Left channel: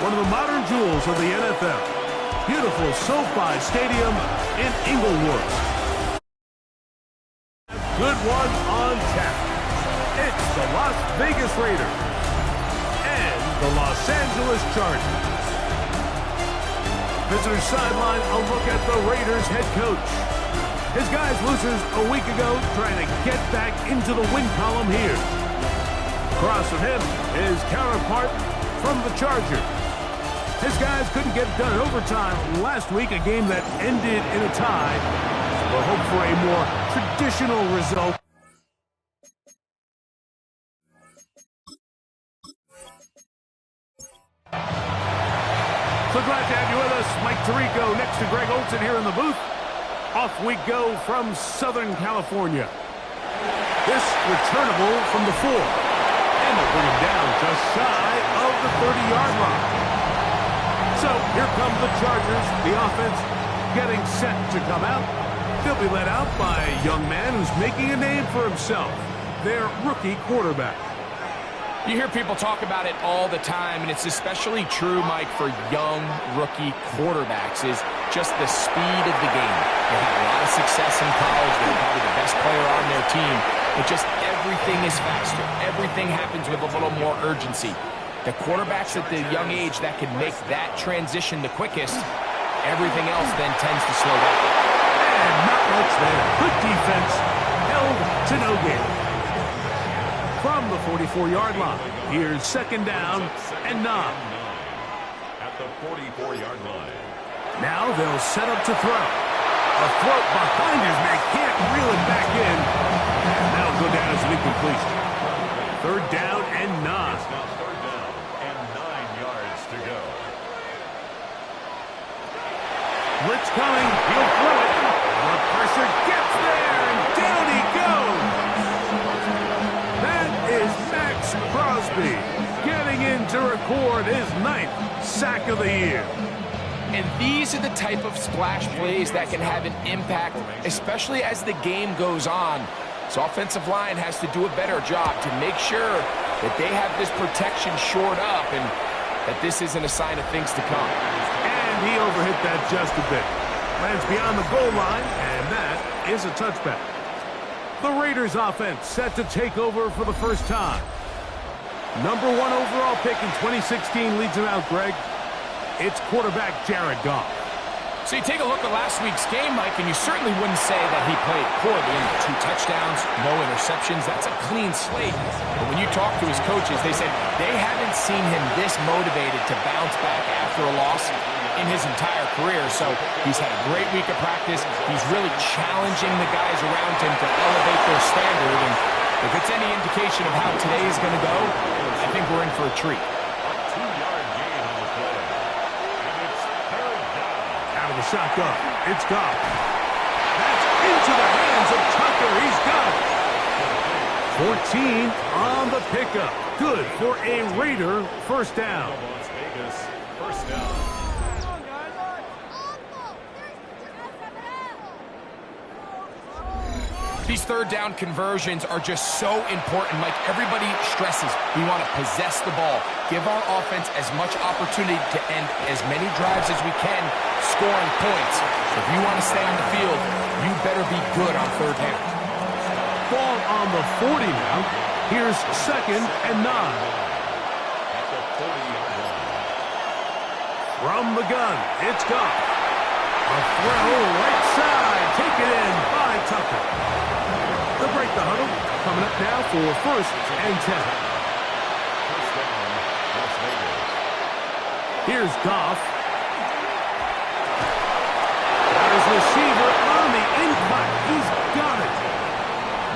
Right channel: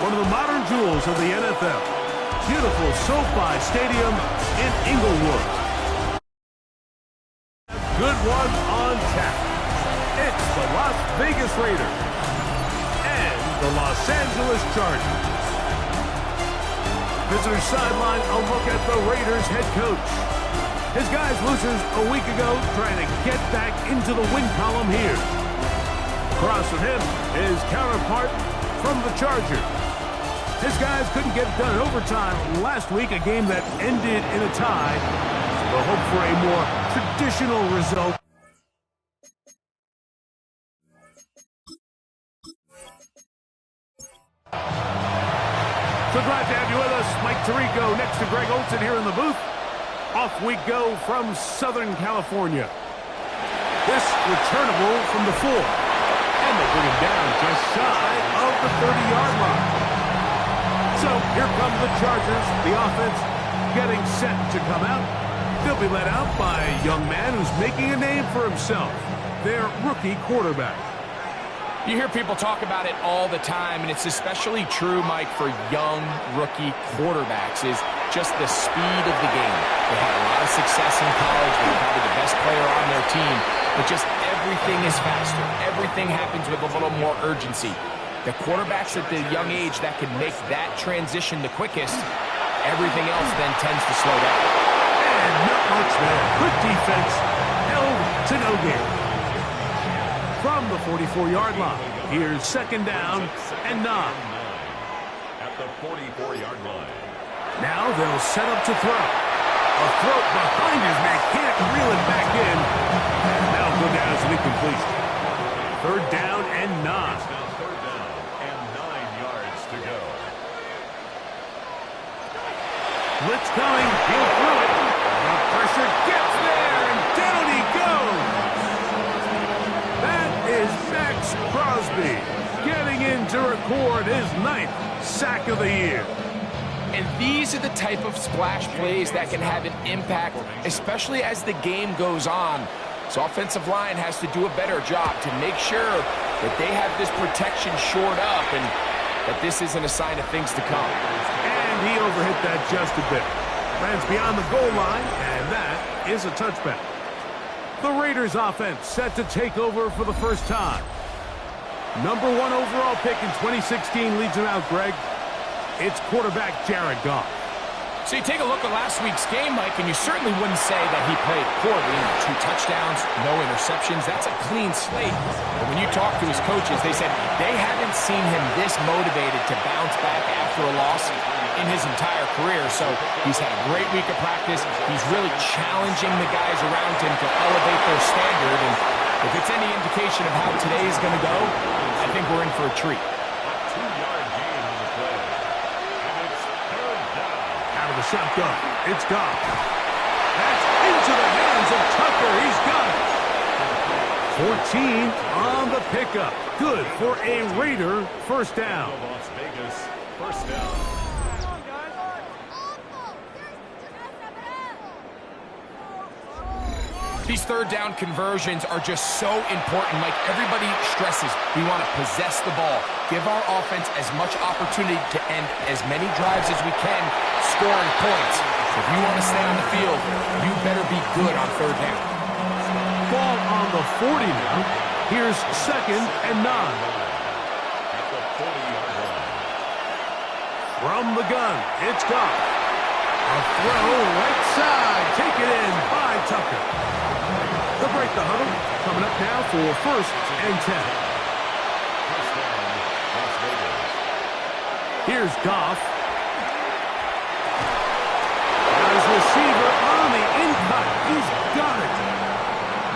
one of the modern jewels of the NFL. Beautiful SoFi Stadium in Inglewood. Good one on tap. It's the Las Vegas Raiders and the Los Angeles Chargers. Visitor sideline, a look at the Raiders head coach. His guys loses a week ago, trying to get back into the win column here. Across from him, his counterpart from the Chargers. His guys couldn't get it done in overtime last week, a game that ended in a tie. So we'll hope for a more traditional result. So glad to have you with us. Mike Tirico next to Greg Olson here in the booth. Off we go from Southern California. This returnable from the 4. And they'll bring him down just shy of the 30-yard line. So here come the Chargers. The offense getting set to come out. They'll be led out by a young man who's making a name for himself, their rookie quarterback. You hear people talk about it all the time, and it's especially true, Mike, for young rookie quarterbacks, is just the speed of the game. They had a lot of success in college. They were probably the best player on their team, but just everything is faster. Everything happens with a little more urgency. The quarterbacks at the young age that can make that transition the quickest, everything else then tends to slow down. And not much there. Good defense, held to no gain. From the 44-yard line, here's second down and 9. At the 44-yard line. Now they'll set up to throw. A throw behind his man, can't reel it back in. And that'll go down as an incompletion. Third down and 9. Now third down and 9 yards to go. Blitz coming, he'll throw it. The pressure gets there, and down he goes. That is Max Crosby getting in to record his 9th sack of the year. And these are the type of splash plays that can have an impact, especially as the game goes on. So offensive line has to do a better job to make sure that they have this protection shored up and that this isn't a sign of things to come. And he overhit that just a bit. Lands beyond the goal line, and that is a touchback. The Raiders offense set to take over for the first time. Number 1 overall pick in 2016 leads him out, Greg. It's quarterback Jared Goff. So you take a look at last week's game, Mike, and you certainly wouldn't say that he played poorly. 2 touchdowns, no interceptions. That's a clean slate. But when you talk to his coaches, they said they haven't seen him this motivated to bounce back after a loss in his entire career. So he's had a great week of practice. He's really challenging the guys around him to elevate their standard. And if it's any indication of how today is going to go, I think we're in for a treat. A 2-yard gain on the play. And it's third down. Out of the shotgun, it's Goff. That's into the hands of Tucker. He's got it. 14 on the pickup. Good for a Raider first down. Las Vegas, first down. These third down conversions are just so important, Mike. Everybody stresses we want to possess the ball, give our offense as much opportunity to end as many drives as we can, scoring points. So if you want to stay on the field, you better be good on third down. Ball on the 40 now. Here's second and 9. At the 40-yard line. From the gun, it's Goff. A throw right side, taken in by Tucker. They'll break the huddle. Coming up now for first and 10. First down, Las Vegas. Here's Goff. Got his receiver on the in-cut. He's got it.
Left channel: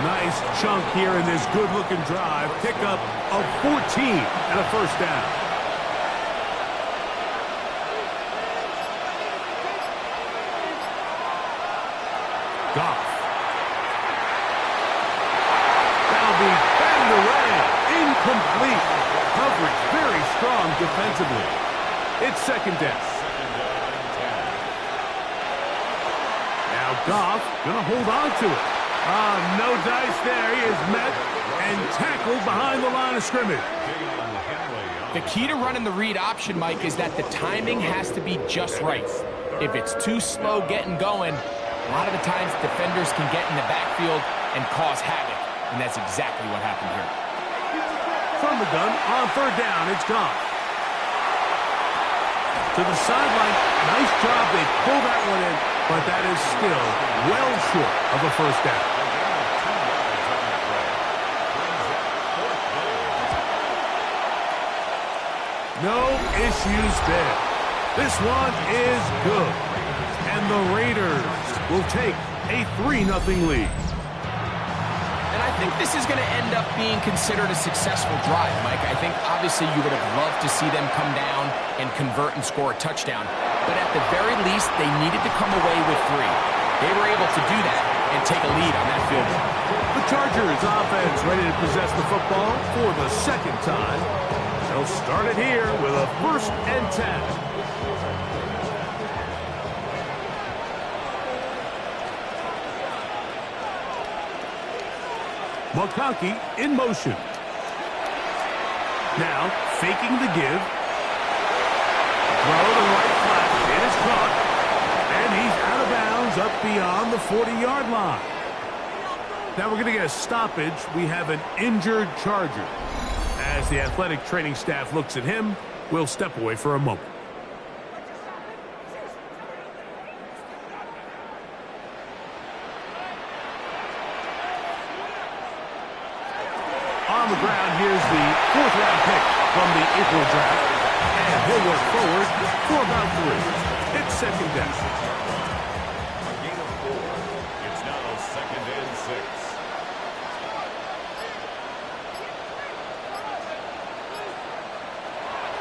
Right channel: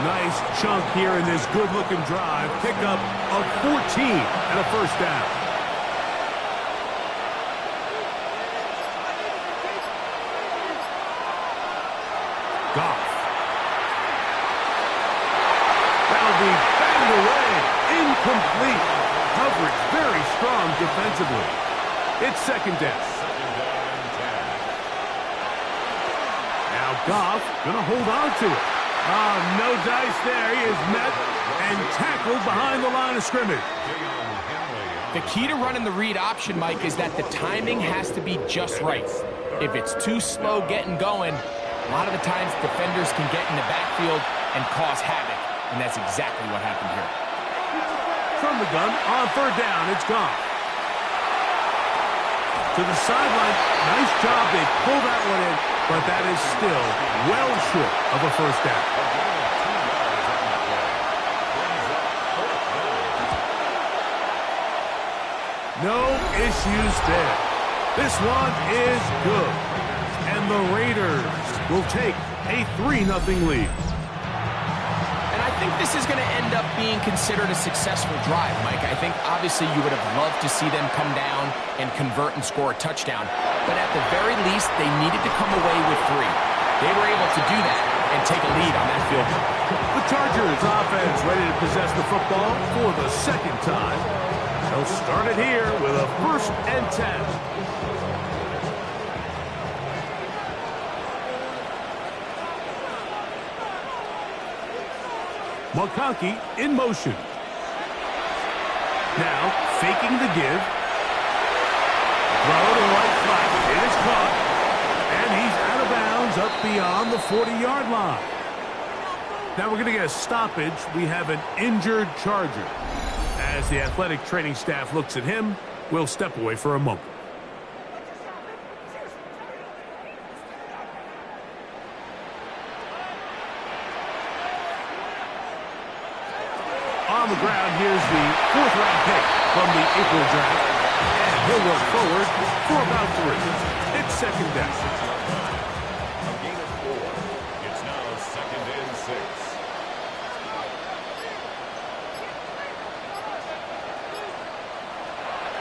Nice chunk here in this good-looking drive. Pickup of 14 and a first down. Goff. That'll be batted away. Incomplete. Coverage very strong defensively. It's second down. Second down and 10. Now Goff gonna hold on to it. No dice there. He is met and tackled behind the line of scrimmage. The key to running the read option, Mike, is that the timing has to be just right. If it's too slow getting going, a lot of the times defenders can get in the backfield and cause havoc, and that's exactly what happened here. From the gun, on third down, it's gone. To the sideline, nice job. They pull that one in, but that is still well short of a first down. No issues there. This one is good. And the Raiders will take a 3-0 lead. And I think this is going to end up being considered a successful drive, Mike. I think obviously you would have loved to see them come down and convert and score a touchdown. But at the very least, they needed to come away with 3. They were able to do that and take a lead on that field goal. The Chargers offense ready to possess the football for the second time. They'll start it here with a 1st and 10. McConkey in motion. Now faking the give. Throw to the right flat. It is caught. And he's out of bounds up beyond the 40-yard line. Now we're going to get a stoppage. We have an injured Charger. As the athletic training staff looks at him, we'll step away for a moment. On the ground, here's the 4th-round pick from the April draft. And he'll work forward for about 3. It's second down. A gain of 4. It's now 2nd and 6.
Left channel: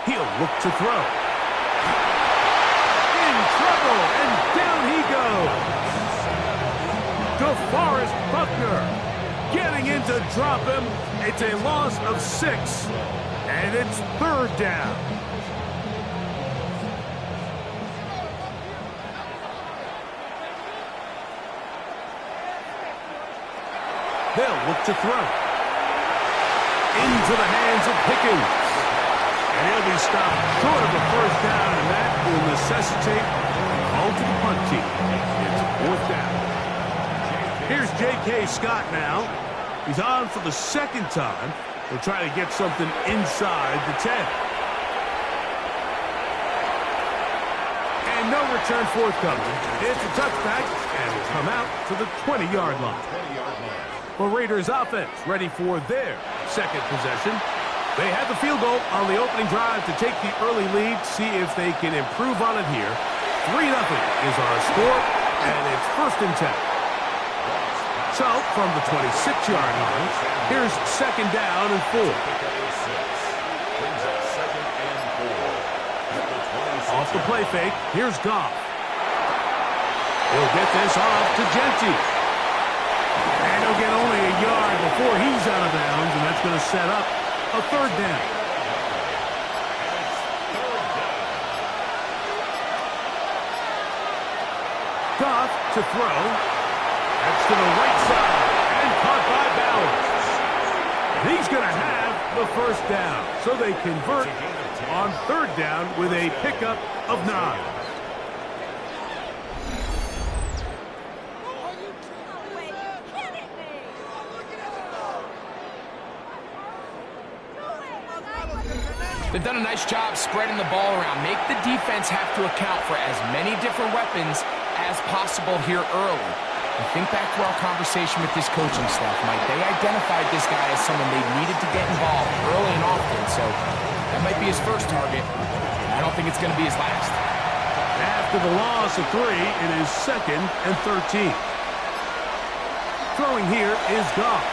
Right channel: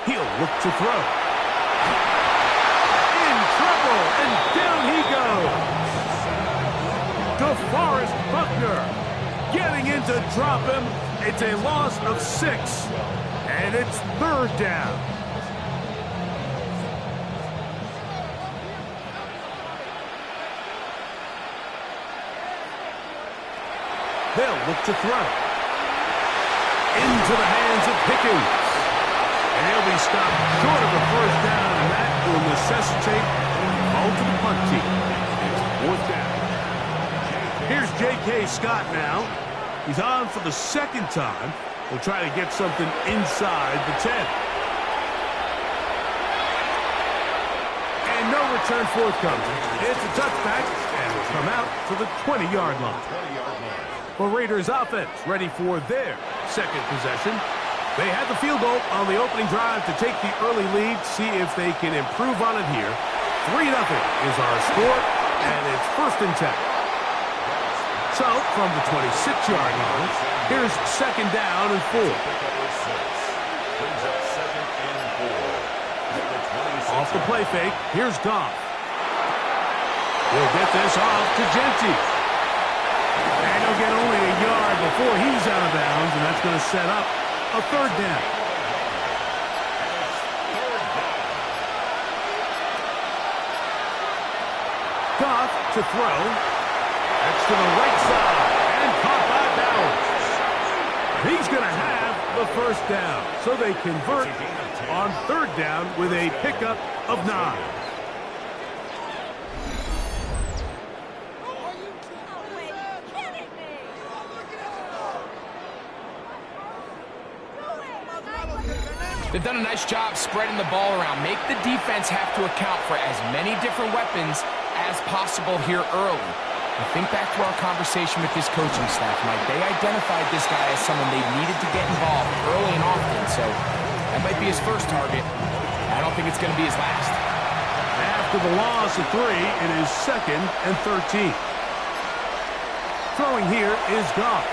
He'll look to throw. In trouble, and down he goes. DeForest Buckner getting in to drop him. It's a loss of 6, and it's 3rd down. They'll look to throw. Into the hands of Pickens. And he'll be stopped short of the 1st down, and that will necessitate a call to the punt team. It's 4th down. Here's J.K. Scott now. He's on for the 2nd time. He'll try to get something inside the 10. And no return forthcoming. It's a touchback, and will come out to the 20-yard line. The Raiders offense ready for their 2nd possession. They had the field goal on the opening drive to take the early lead. See if they can improve on it here. 3-0 is our score, and it's 1st and 10. So, from the 26-yard line, here's 2nd down and 4. Off the play fake, here's Goff. He'll get this off to Genty. And he'll get only a yard before he's out of bounds, and that's going to set up a 3rd down. Goff to throw. That's to the right side and caught by Bowers. And he's going to have the 1st down. So they convert on 3rd down with a pickup of 9. They've done a nice job spreading the ball around. Make the defense have to account for as many different weapons as possible here early. I think back to our conversation with this coaching staff, Mike. They identified this guy as someone they needed to get involved early and often, so that might be his first target. I don't think it's going to be his last. After the loss of 3, it is 2nd and 13. Throwing here is Goff.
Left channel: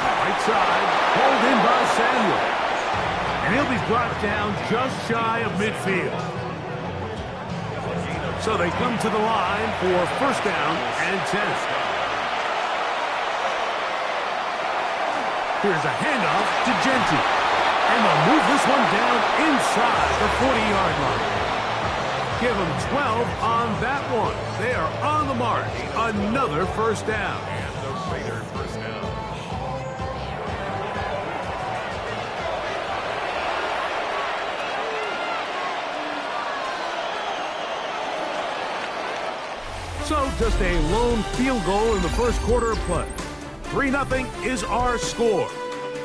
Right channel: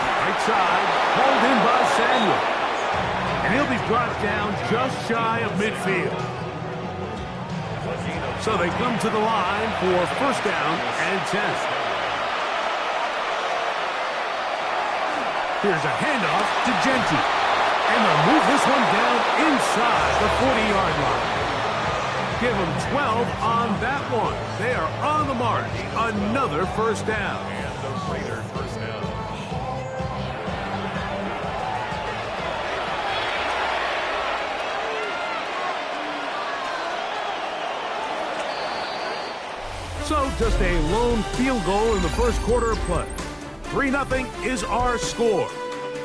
Right side, pulled in by Samuel. And he'll be brought down just shy of midfield. So they come to the line for 1st down and 10. Here's a handoff to Genty. And they'll move this one down inside the 40-yard line. give them 12 on that one. They are on the march. Another first down. And the Raider first down. So just a lone field goal in the first quarter of play. 3-0 is our score.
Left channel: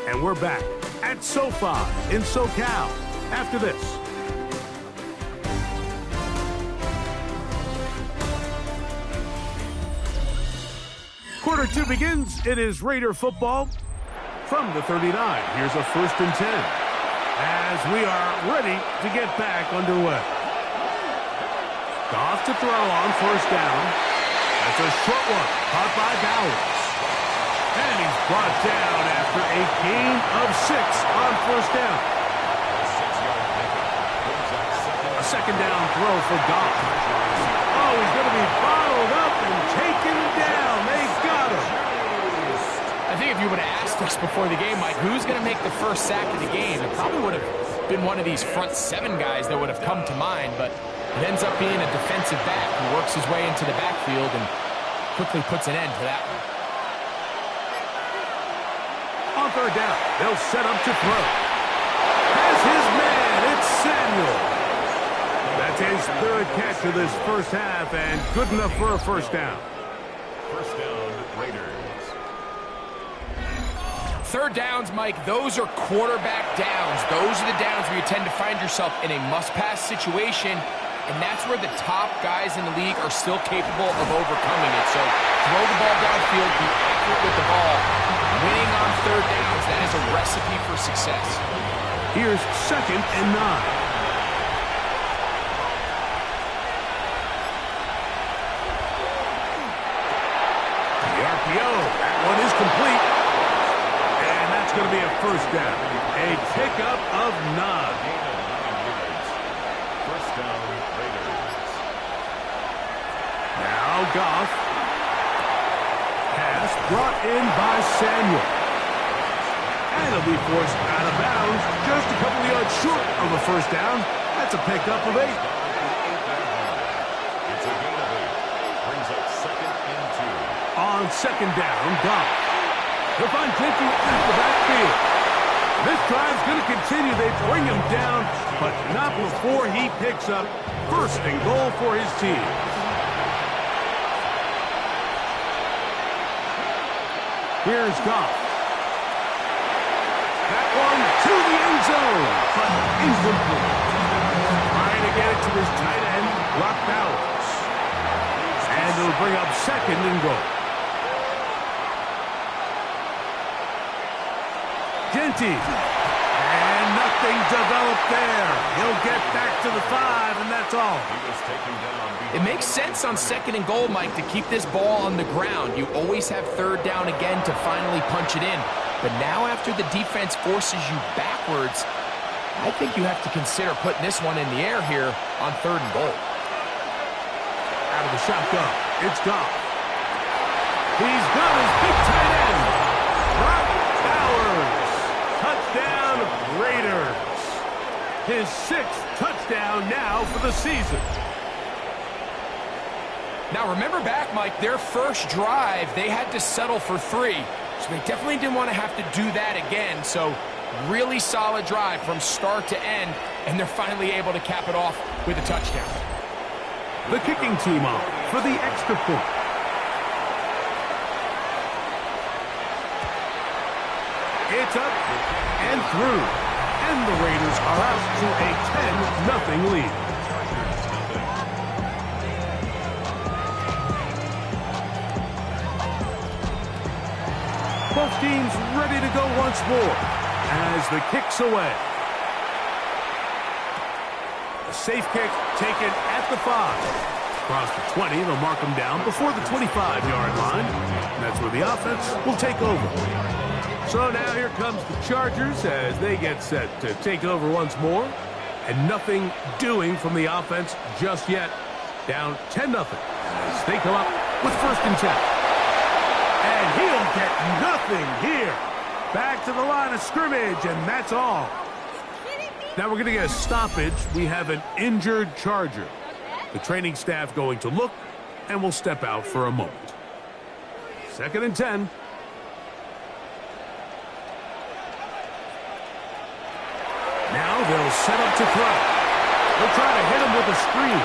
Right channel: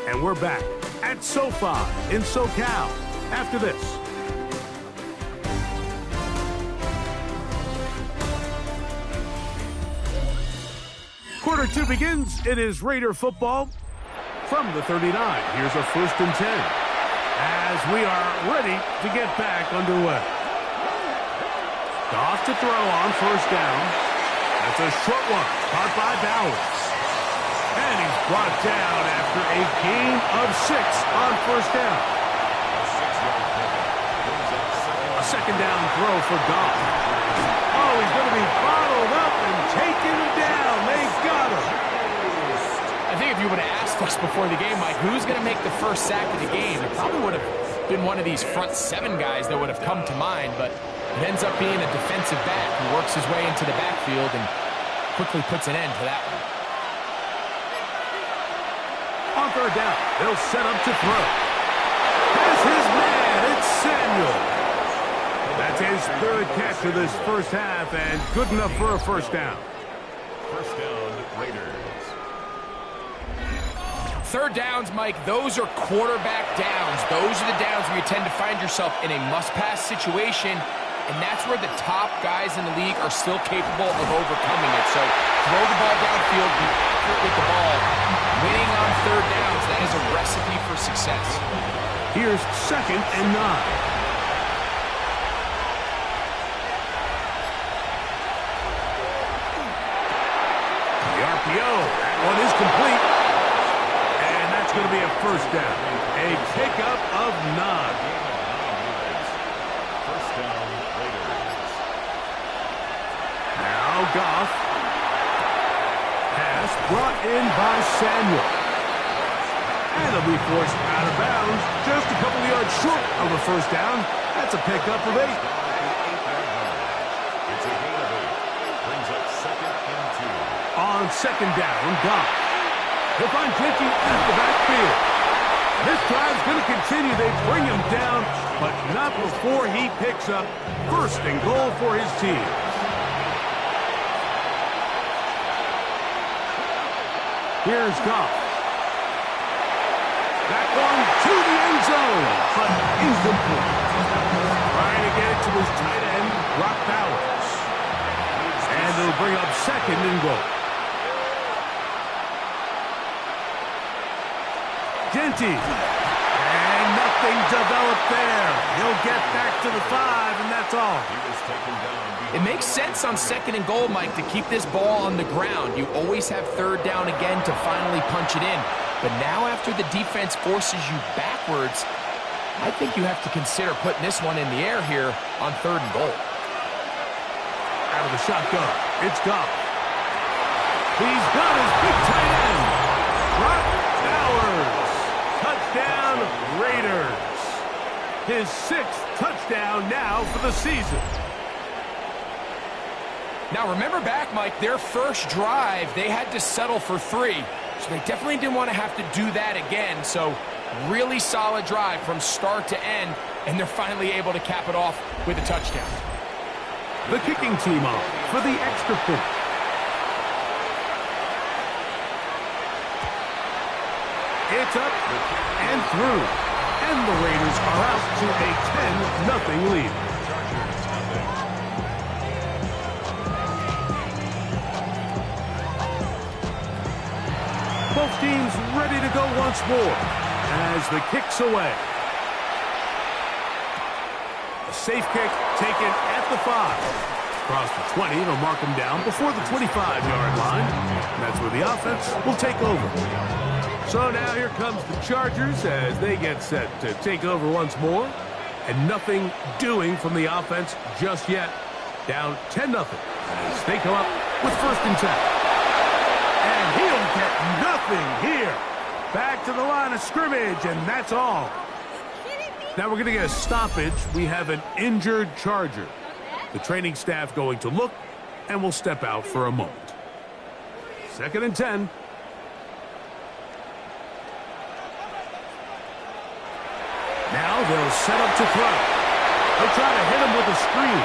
And we're back at SoFi in SoCal after this. Quarter 2 begins. It is Raider football from the 39. Here's a 1st and 10 as we are ready to get back underway. Goff to throw on 1st down. That's a short one, caught by Bowers. And he's brought down after a gain of 6 on 1st down. A 6-yard pickup brings up A 2nd down throw for Goff. Oh, he's going to be bottled up and taken down. They got him. I think if you would have asked us before the game, Mike, who's going to make the first sack of the game, it probably would have been one of these front 7 guys that would have come to mind, but it ends up being a defensive back who works his way into the backfield and quickly puts an end to that one. On 3rd down, they'll set up to throw. Has his man, it's Samuel. That's his 3rd catch of this first half and good enough for a 1st down. First down, Raiders. 3rd downs, Mike, those are quarterback downs. Those are the downs where you tend to find yourself in a must-pass situation, and that's where the top guys in the league are still capable of overcoming it. So throw the ball downfield, be accurate with the ball. Winning on 3rd downs, that is a recipe for success. Here's 2nd and 9. The RPO, that one is complete. And that's going to be a 1st down. A pickup of 9. Gain of 9 yards. First down, Raiders. Now Goff. Pass brought in by Samuel. And it'll be forced out of bounds just a couple of yards short of a 1st down. That's a pickup of 8. Down at the 8-yard line. It's a gain of 8. Brings up 2nd and 2. On 2nd down, Goff. He'll find Genty at the backfield. This drive's going to continue. They bring him down, but not before he picks up 1st and goal for his team. Here's Goff. That one to the end zone, but incomplete. Trying to get it to his tight end, Brock Bowers. And it'll bring up 2nd and goal. Genty. And nothing developed there. He'll get back to the 5, and that's all. He was taken down. It makes sense on 2nd and goal, Mike, to keep this ball on the ground. You always have 3rd down again to finally punch it in. But now after the defense forces you backwards, I think you have to consider putting this one in the air here on 3rd and goal. Out of the shotgun, it's Goff. He's got his big tight end, Brock Bowers. Touchdown, Raiders. His 6th touchdown now for the season. Now remember back, Mike, their first drive, they had to settle for 3. So they definitely didn't want to have to do that again. So really solid drive from start to end, and they're finally able to cap it off with a touchdown. The kicking team off for the extra point. It's up and through. And the Raiders are out to a 10-0 lead. Chargers, nothing. Both teams ready to go once more as the kick's away. A safe kick taken at the 5. Across the 20, they'll mark them down before the 25-yard line. And that's where the offense will take over. So now here comes the Chargers as they get set to take over once more. And nothing doing from the offense just yet. Down 10-0 as they come up with 1st and 10. And he'll get nothing here. Back to the line of scrimmage, and that's all. Now we're going to get a stoppage. We have an injured Charger. The training staff going to look, and will step out for a moment. 2nd and 10. Now they'll set up to throw. They'll try to hit him with a screen.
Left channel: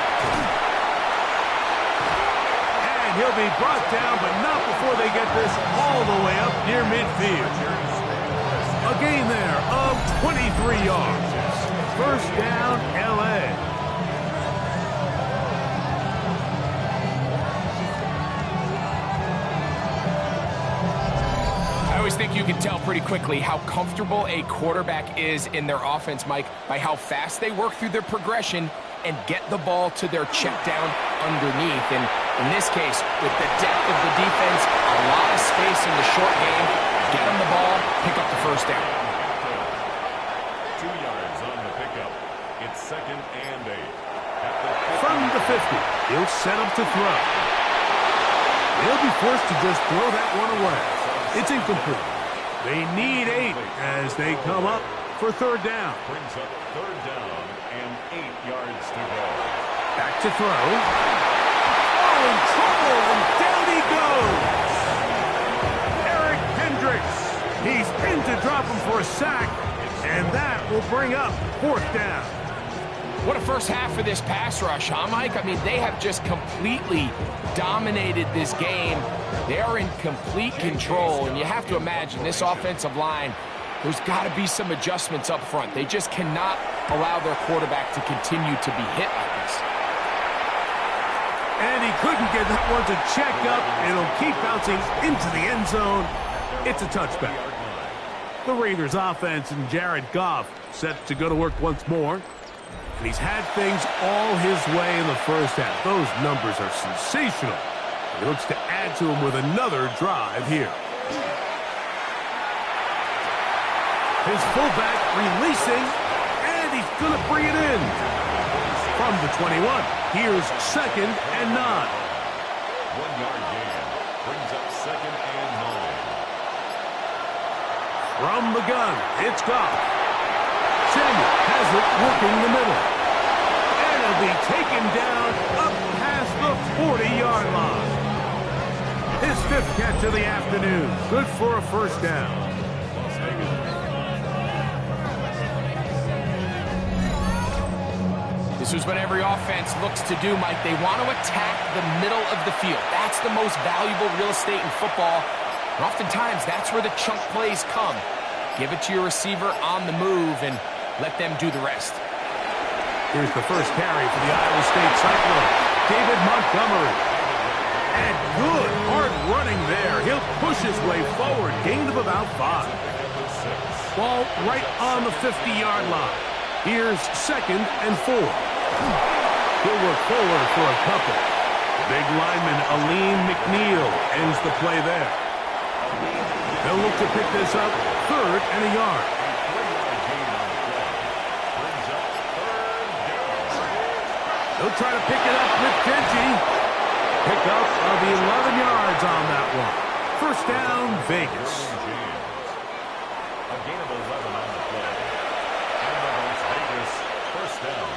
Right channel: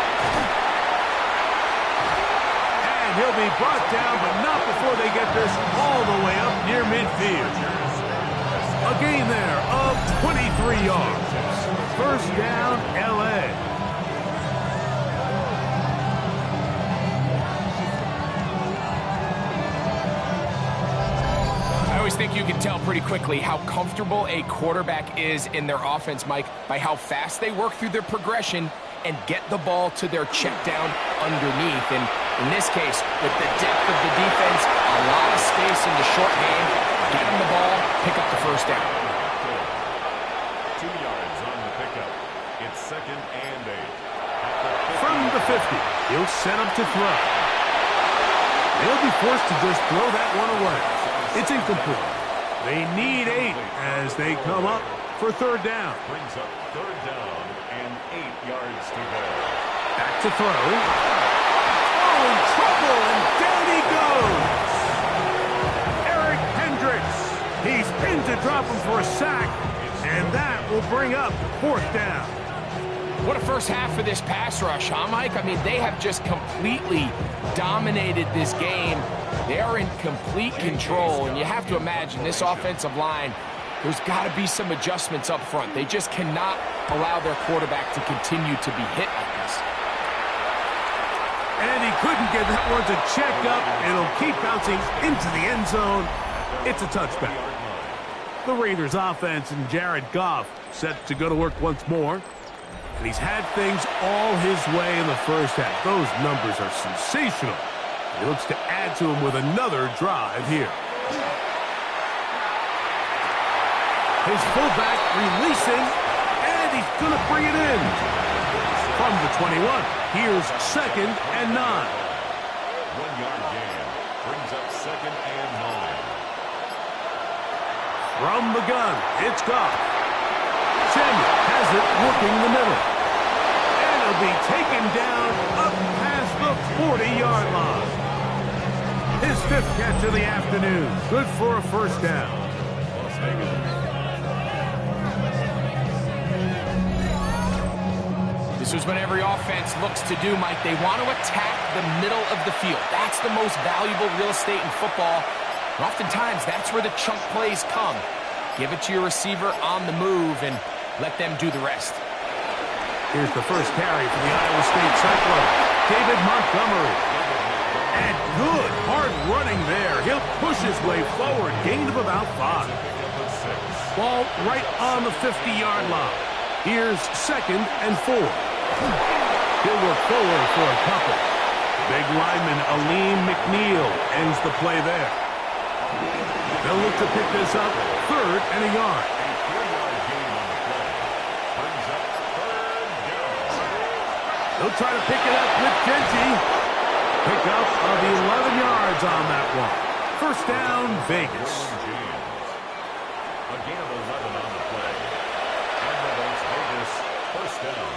And he'll be brought down, but not before they get this all the way up near midfield. A gain there of 23 yards. 1st down, L.A. I always think you can tell pretty quickly how comfortable a quarterback is in their offense, Mike, by how fast they work through their progression and get the ball to their check down underneath. And in this case, with the depth of the defense, a lot of space in the short game, get them the ball, pick up the 1st down. 2 yards on the pickup. It's 2nd and 8. At the 50. From the 50, he'll set up to throw. They'll be forced to just throw that one away. It's incomplete. They need 8 as they come up for 3rd down. Brings up 3rd down and 8 yards to go. Back to throw. Oh, in trouble, and down he goes. Eric Hendricks. He's pinned to drop him for a sack, and that will bring up 4th down. What a first half for this pass rush, huh, Mike? I mean, they have just completely dominated this game. They are in complete control, and you have to imagine this offensive line, there's got to be some adjustments up front. They just cannot allow their quarterback to continue to be hit like this. And he couldn't get that one to check up. It'll keep bouncing into the end zone. It's a touchback. The Raiders offense and Jared Goff set to go to work once more. And he's had things all his way in the first half. Those numbers are sensational. He looks to add to them with another drive here. His fullback releasing, and he's going to bring it in. From the 21, here's 2nd and 9. 1-yard gain brings up 2nd and 9. From the gun, it's Goff. Samuel has it working the middle. And he'll be taken down up past the 40-yard line. His 5th catch of the afternoon. Good for a 1st down. Las Vegas. This is what every offense looks to do, Mike. They want to attack the middle of the field. That's the most valuable real estate in football. And oftentimes, that's where the chunk plays come. Give it to your receiver on the move and let them do the rest. Here's the first carry for the Iowa State Cyclone. David Montgomery. And good hard running there. He'll push his way forward. Gain of about 5. Ball right on the 50-yard line. Here's 2nd and 4. He'll work forward for a couple. Big lineman Aleem McNeil ends the play there. They'll look to pick this up 3rd and a yard. A 3-yard gain on the play. Brings up 3rd down. They'll try to pick it up with Genji. Pick up of 11 yards on that one. 1st down, Vegas. A gain of 11 on the play. And the Las Vegas 1st down.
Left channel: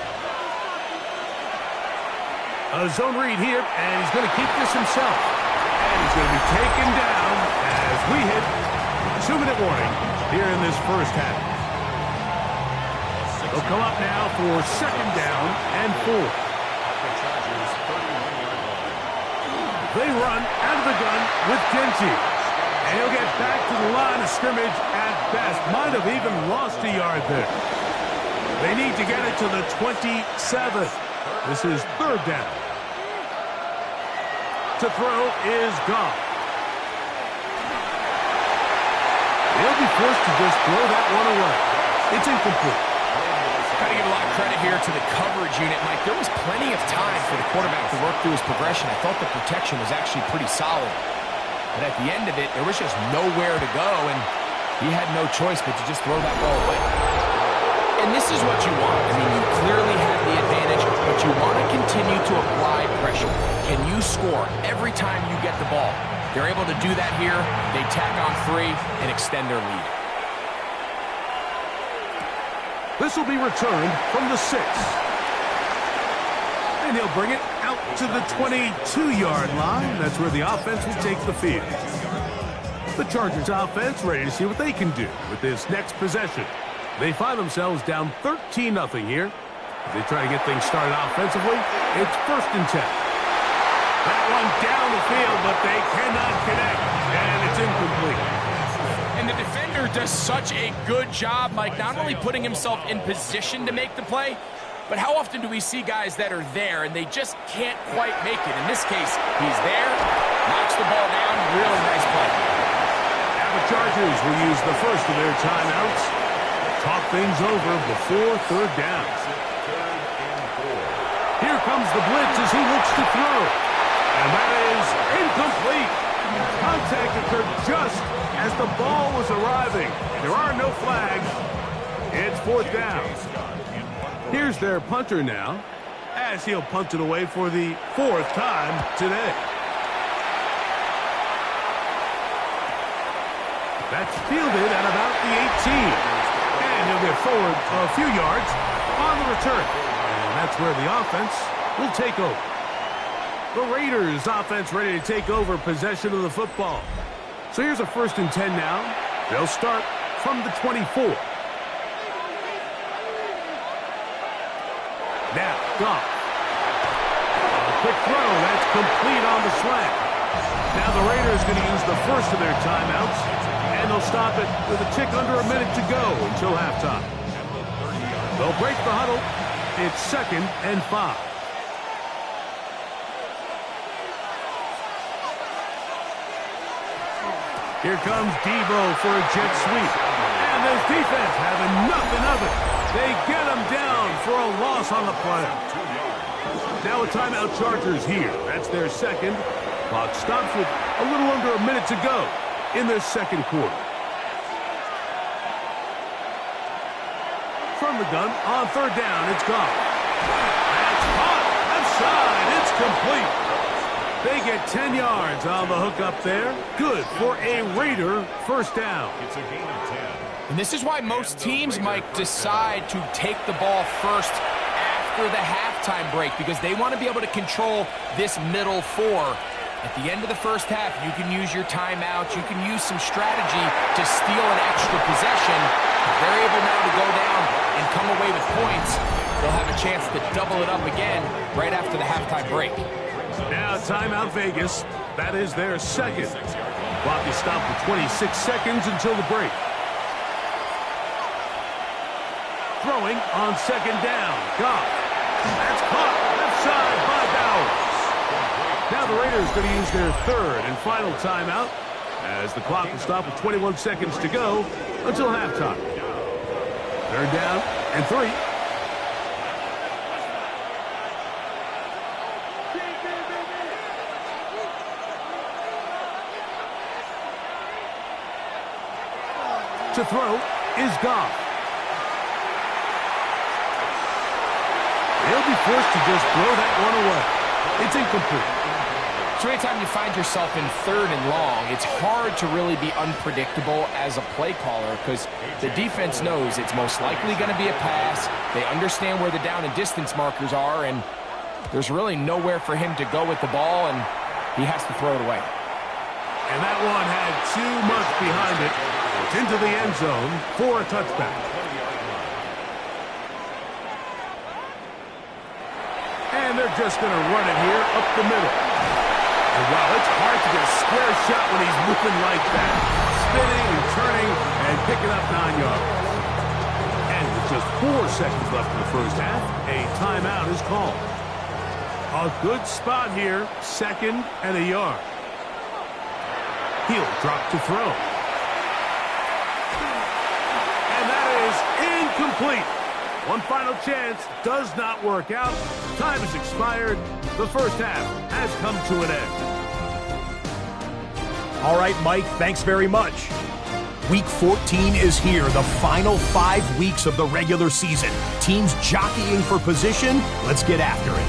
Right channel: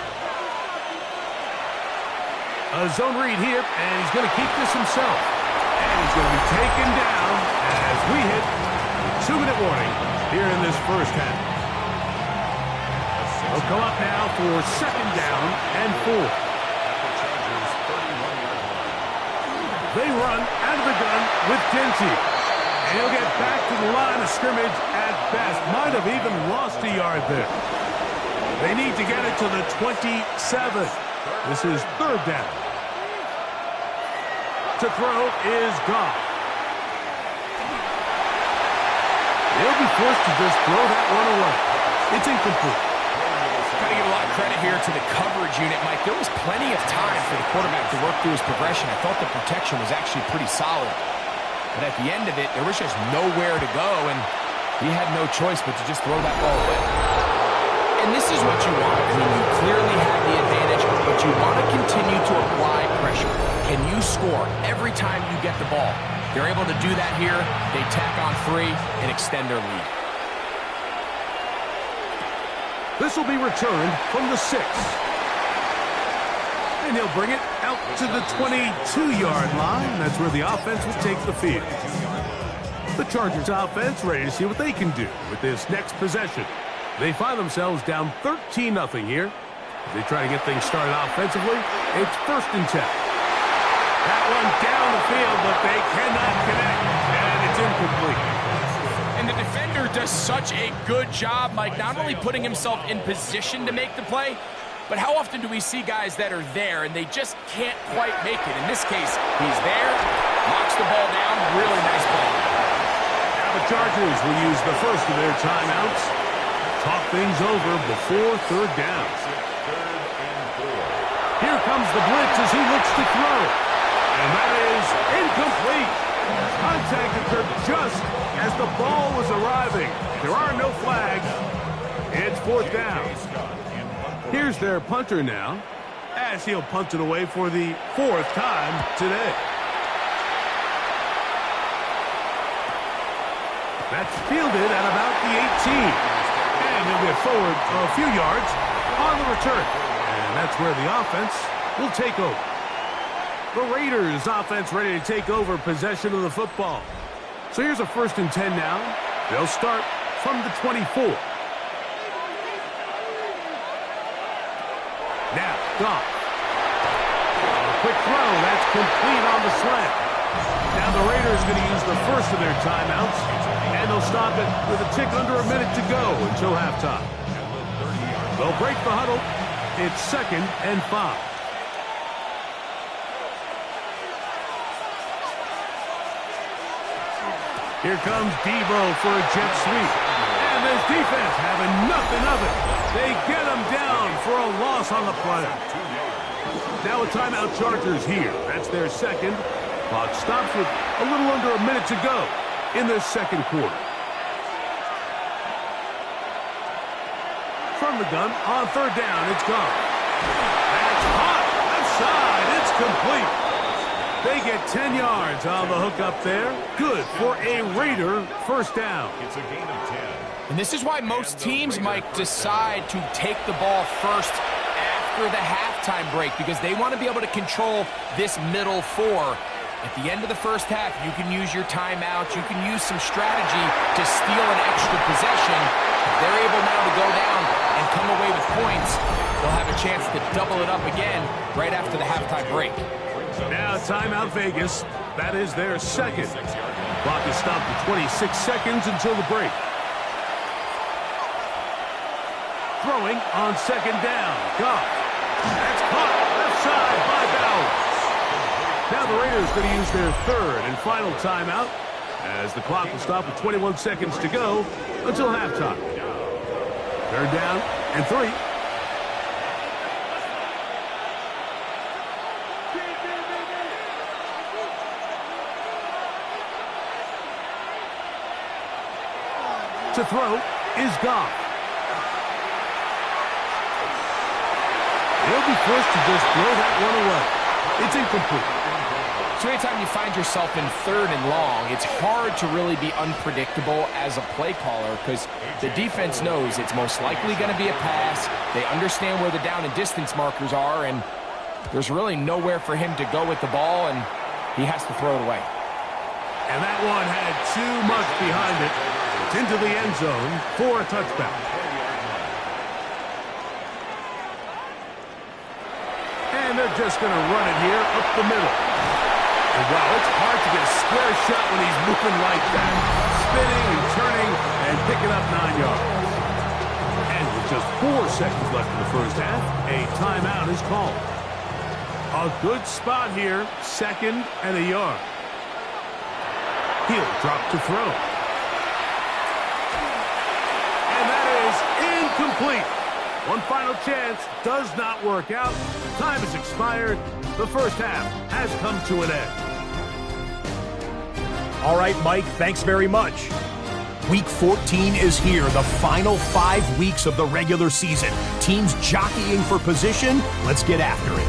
A zone read here, and he's going to keep this himself. And he's going to be taken down as we hit 2-minute warning here in this first half. They'll come up now for 2nd down and 4. At the Chargers' 31-yard line. They run out of the gun with Genji. And he'll get back to the line of scrimmage at best. Might have even lost a yard there. They need to get it to the 27. This is 3rd down. To throw is Goff. They'll be forced to just throw that one away. It's incomplete. Got to give a lot of credit here to the coverage unit, Mike. There was plenty of time for the quarterback to work through his progression. I thought the protection was actually pretty solid. But at the end of it, there was just nowhere to go, and he had no choice but to just throw that ball away. And this is what you want. I mean, you clearly have the advantage, but you want to continue to apply pressure. Can you score every time you get the ball? They're able to do that here. They tack on 3 and extend their lead. This will be returned from the 6. And he'll bring it out to the 22-yard line. That's where the offense will take the field. The Chargers offense ready to see what they can do with this next possession. They find themselves down 13-0 here. As they try to get things started offensively, it's 1st and 10. That one down the field, but they cannot connect, and it's incomplete. And the defender does such a good job, Mike, not only putting himself in position to make the play, but how often do we see guys that are there and they just can't quite make it? In this case, he's there, knocks the ball down, really nice play. Now the Chargers will use the first of their timeouts to talk things over before 3rd down. Here comes the blitz as he looks to throw. And that is incomplete. Contact occurred just as the ball was arriving. There are no flags. It's 4th down. Here's their punter now, as he'll punt it away for the 4th time today. That's fielded at about the 18. And he'll get forward a few yards on the return. And that's where the offense will take over. The Raiders offense ready to take over possession of the football. So here's a 1st and 10 now. They'll start from the 24. Now, Goff. A quick throw. That's complete on the slant. Now the Raiders going to use the first of their timeouts, and they'll stop it with a tick under a minute to go until halftime. They'll break the huddle. It's 2nd and 5. Here comes Debo for a jet sweep. And this defense having nothing of it. They get him down for a loss on the play. Now a timeout Chargers here. That's their 2nd. Clock stops with a little under a minute to go in the 2nd quarter. From the gun on 3rd down, it's gone. That's hot. Left side. It's complete. They get 10 yards on the hook up there. Good for a Raider 1st down. It's a gain of 10. And this is why most teams, Mike, decide to take the ball first after the halftime break, because they want to be able to control this middle 4. At the end of the first half, you can use your timeout. You can use some strategy to steal an extra possession. If they're able now to go down and come away with points, they'll have a chance to double it up again right after the halftime break. Now timeout Vegas. That is their 2nd. Clock is stopped for 26 seconds until the break. Throwing on 2nd down. Goff. That's caught left side by Bowers. Now the Raiders going to use their 3rd and final timeout as the clock will stop with 21 seconds to go until halftime. 3rd down and 3. To throw is Goff. He'll be forced to just throw that one away. It's incomplete. So anytime you find yourself in 3rd and long, it's hard to really be unpredictable as a play caller because the defense knows it's most likely going to be a pass. They understand where the down and distance markers are, and there's really nowhere for him to go with the ball, and he has to throw it away. And that one had too much behind it. It's into the end zone for a touchback. And they're just going to run it here up the middle. And wow, it's hard to get a square shot when he's moving like that. Spinning and turning and picking up 9 yards. And with just 4 seconds left in the first half, a timeout is called. A good spot here, 2nd and a yard. He'll drop to throw. And that is incomplete. One final chance does not work out. Time has expired. The first half has come to an end. All right, Mike, thanks very much. Week 14 is here, the final 5 weeks of the regular season. Teams jockeying for position. Let's get after it.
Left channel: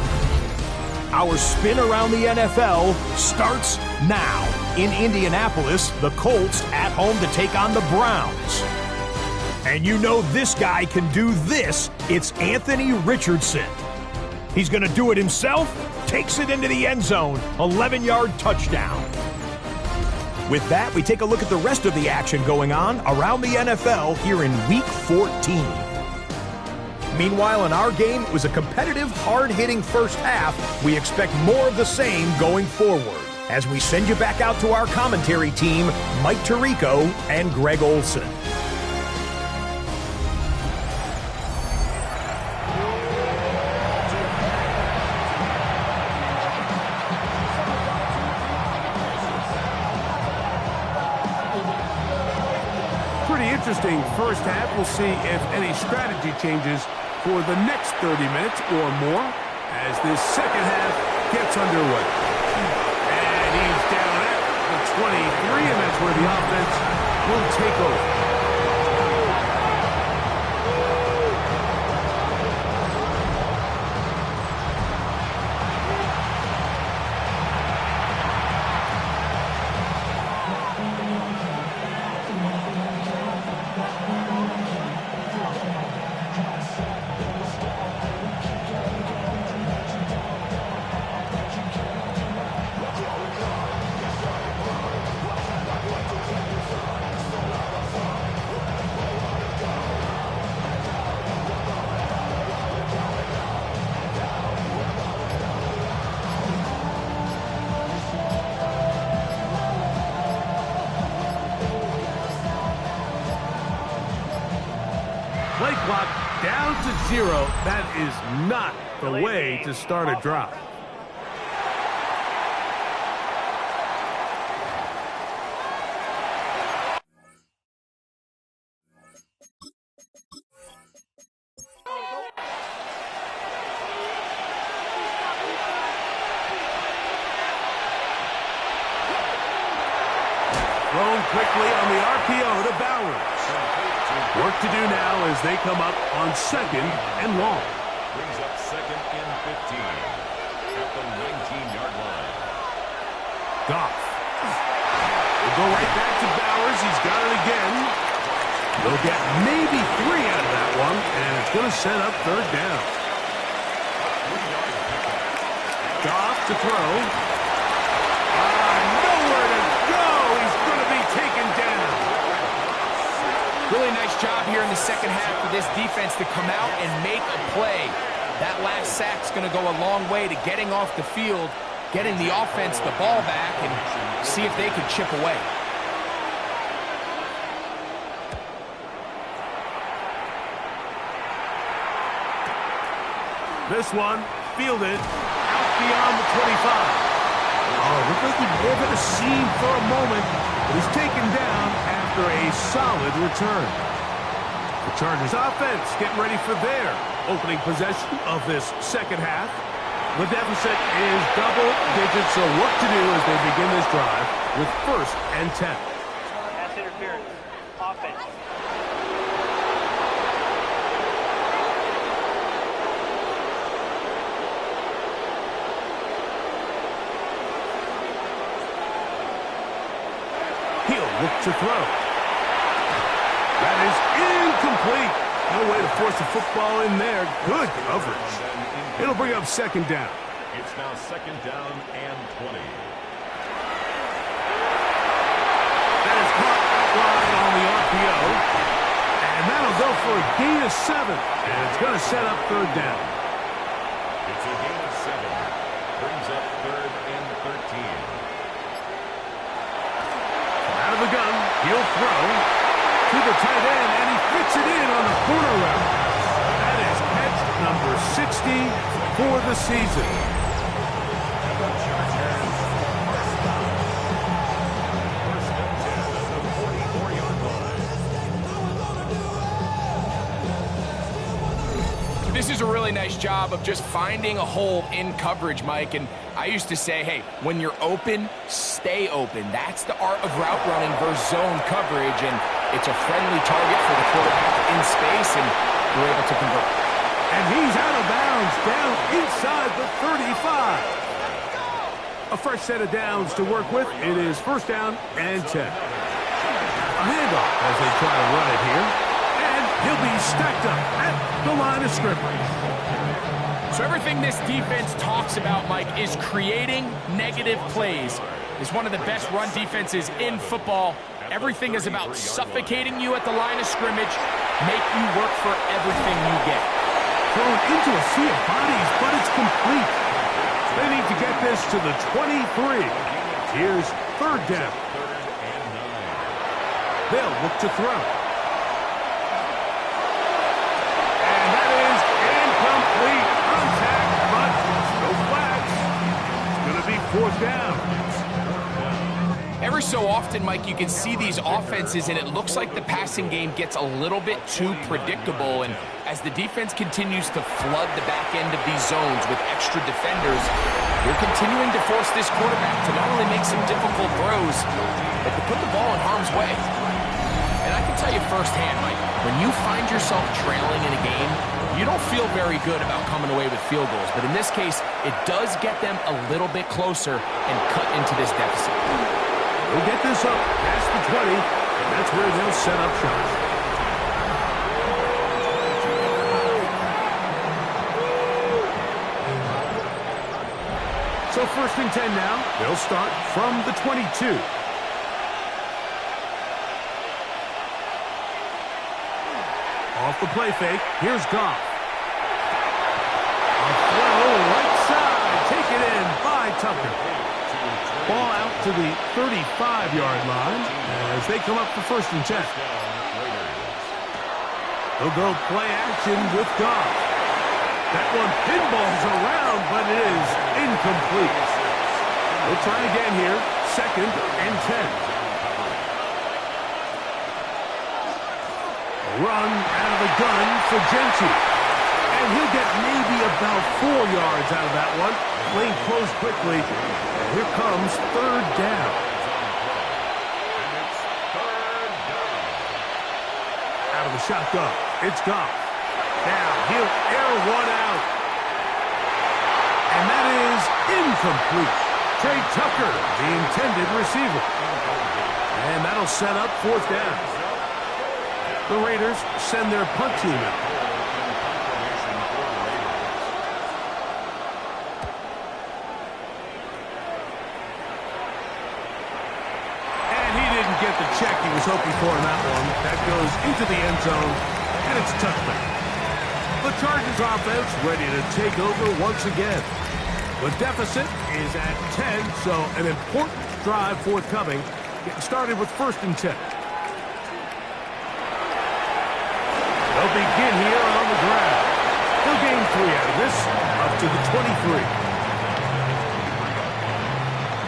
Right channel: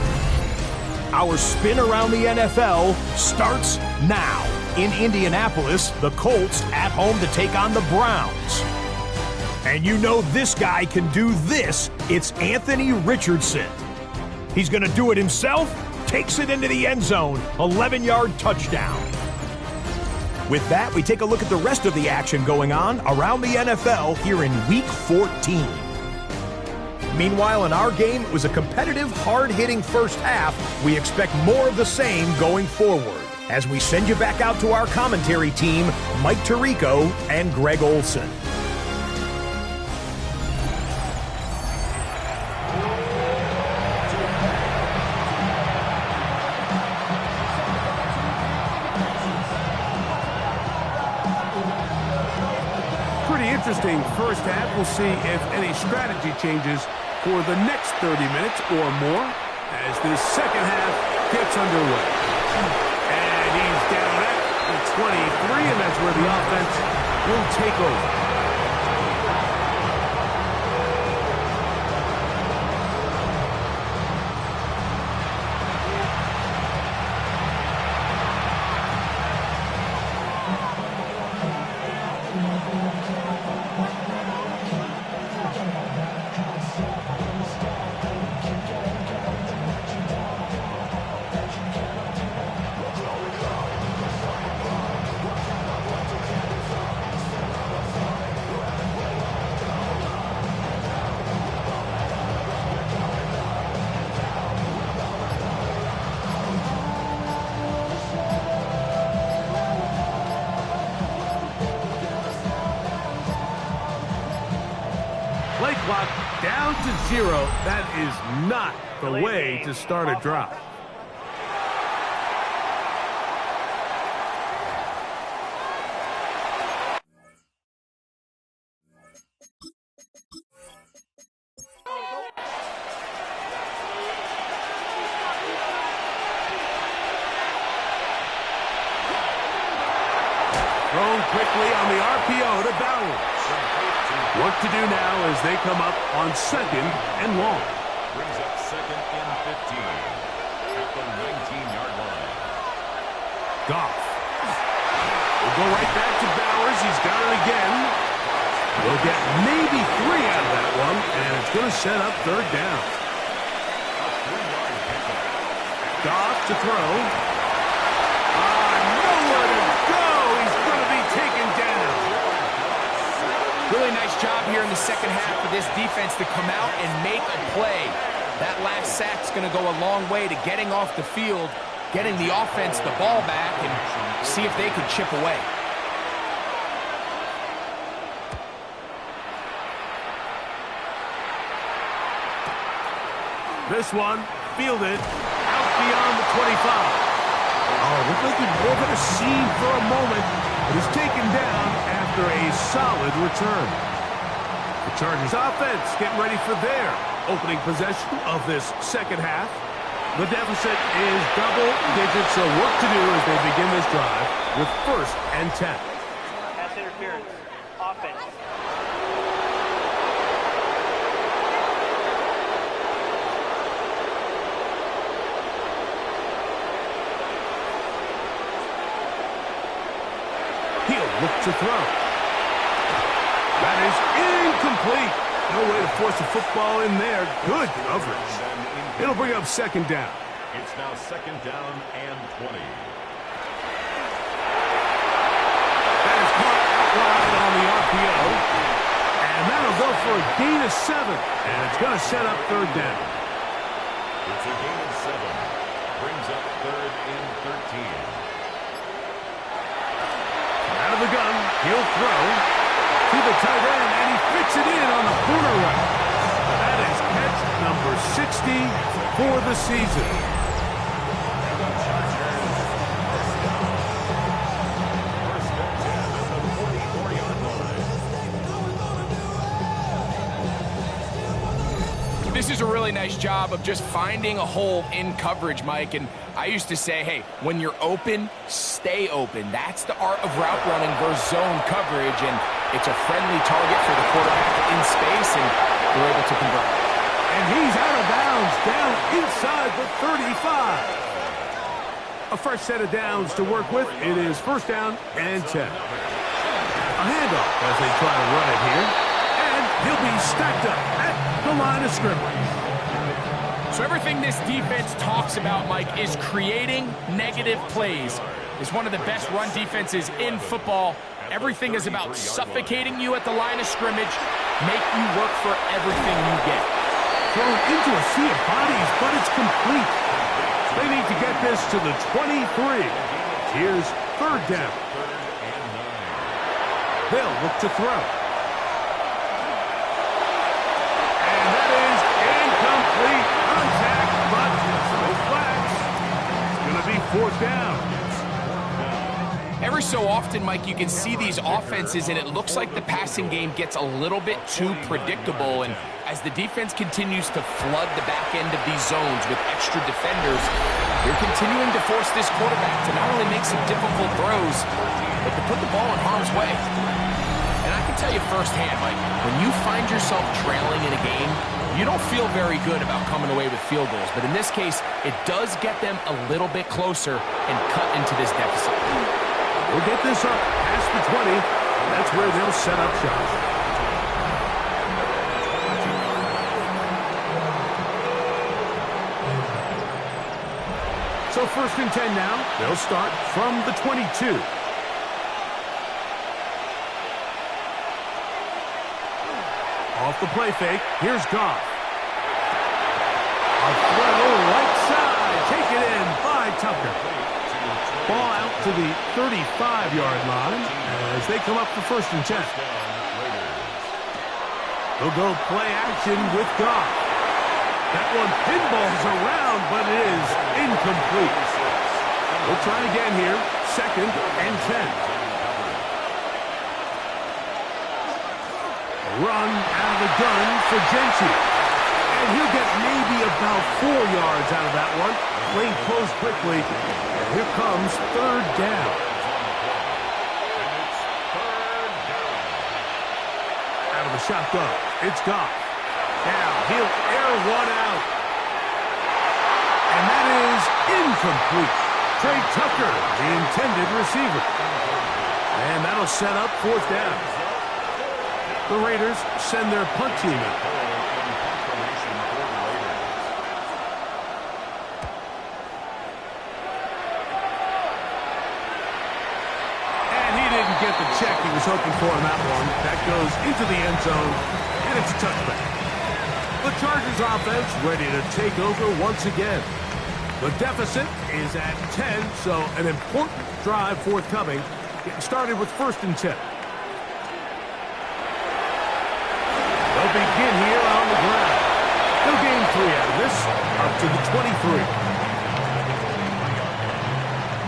Our spin around the NFL starts now. In Indianapolis, the Colts at home to take on the Browns. And you know this guy can do this. It's Anthony Richardson. He's going to do it himself. Takes it into the end zone. 11-yard touchdown. With that, we take a look at the rest of the action going on around the NFL here in Week 14. Meanwhile, in our game, it was a competitive, hard-hitting first half. We expect more of the same going forward. As we send you back out to our commentary team, Mike Tirico and Greg Olson. Pretty interesting first half. We'll see if any strategy changes for the next 30 minutes or more as this second half gets underway. And he's down at the 23, and that's where the offense will take over. Play clock down to 0. That is not the way to start a drive. Thrown quickly on the RPO to Bowers. Work to do now as they come up on second and long. Brings up second and 15 at the 19-yard line. Goff will go right back to Bowers. He's got it again. They'll get maybe 3 out of that one, and it's going to set up third down. A 3-yard pickup. Goff to throw. Nowhere to go. He's going to be taken down. Really nice job here in the second half for this defense to come out and make a play. That last sack's going to go a long way to getting off the field, getting the offense the ball back, and see if they can chip away. This one fielded out beyond the 25. Oh, looked like he drove at a seam for a moment, but he's taken down after a solid return. The Chargers offense getting ready for their opening possession of this second half. The deficit is double digits, so work to do as they begin this drive with 1st and 10. Pass interference. Offense. He'll look to throw. That is incomplete. No way to force the football in there. Good coverage. It'll bring up second down. It's now second down and 20. That is caught out wide on the RPO. And that'll go for a gain of 7. And it's going to set up third down. It's a gain of 7. Brings up third and 13. Out of the gun, he'll throw to the tight end, and he fits it in on the corner route. That is catch number 60 for the season. And the Chargers first and 10 at the 44-yard line. This is a really nice job of just finding a hole in coverage, Mike. And I used to say, hey, when you're open, stay open. That's the art of route running versus zone coverage. And it's a friendly target for the quarterback in space, and they're able to convert. And he's out of bounds, down inside the 35. A fresh set of downs to work with. It is 1st down and 10. A handoff as they try to run it here. And he'll be stacked up at the line of scrimmage. So everything this defense talks about, Mike, is creating negative plays. It's one of the best run defenses in football. Everything is about suffocating you at the line of scrimmage, make you work for everything you get. Thrown into a sea of bodies, but it's complete. They need to get this to the 23. Here's third down. They'll look to throw. And that is incomplete. Contact, but no flags. It's going to be fourth down. Every so often, Mike, you can see these offenses, and it looks like the passing game gets a little bit too predictable. And as the defense continues to flood the back end of these zones with extra defenders, they're continuing to force this quarterback to not only make some difficult throws, but to put the ball in harm's way. And I can tell you firsthand, Mike, when you find yourself trailing in a game, you don't feel very good about coming away with field goals. But in this case, it does get them a little bit closer and cut into this deficit. They'll get this up past the 20, and that's where they'll set up shop. So first and 10 now. They'll start from the 22. Off the play fake, here's Goff. A throw right side, taken in by Tucker. Ball out to the 35-yard line as they come up for first and 10. They'll go play action with Goff. That one pinballs around, but it is incomplete. They'll try again here, second and 10. Run out of the gun for Gentry. And he'll get maybe about 4 yards out of that one. Lane closed quickly. And here comes third down. Out of the shotgun. It's Goff. Now he'll air one out. And that is incomplete. Trey Tucker, the intended receiver. And that'll set up fourth down. The Raiders send their punt team out. And he didn't get the check he was hoping for on that one. That goes into the end zone, and it's a touchback. The Chargers offense ready to take over once again. The deficit is at 10, so an important drive forthcoming. Getting started with first and 10. They'll begin here on the ground. They'll gain 3 out of this, up to the 23.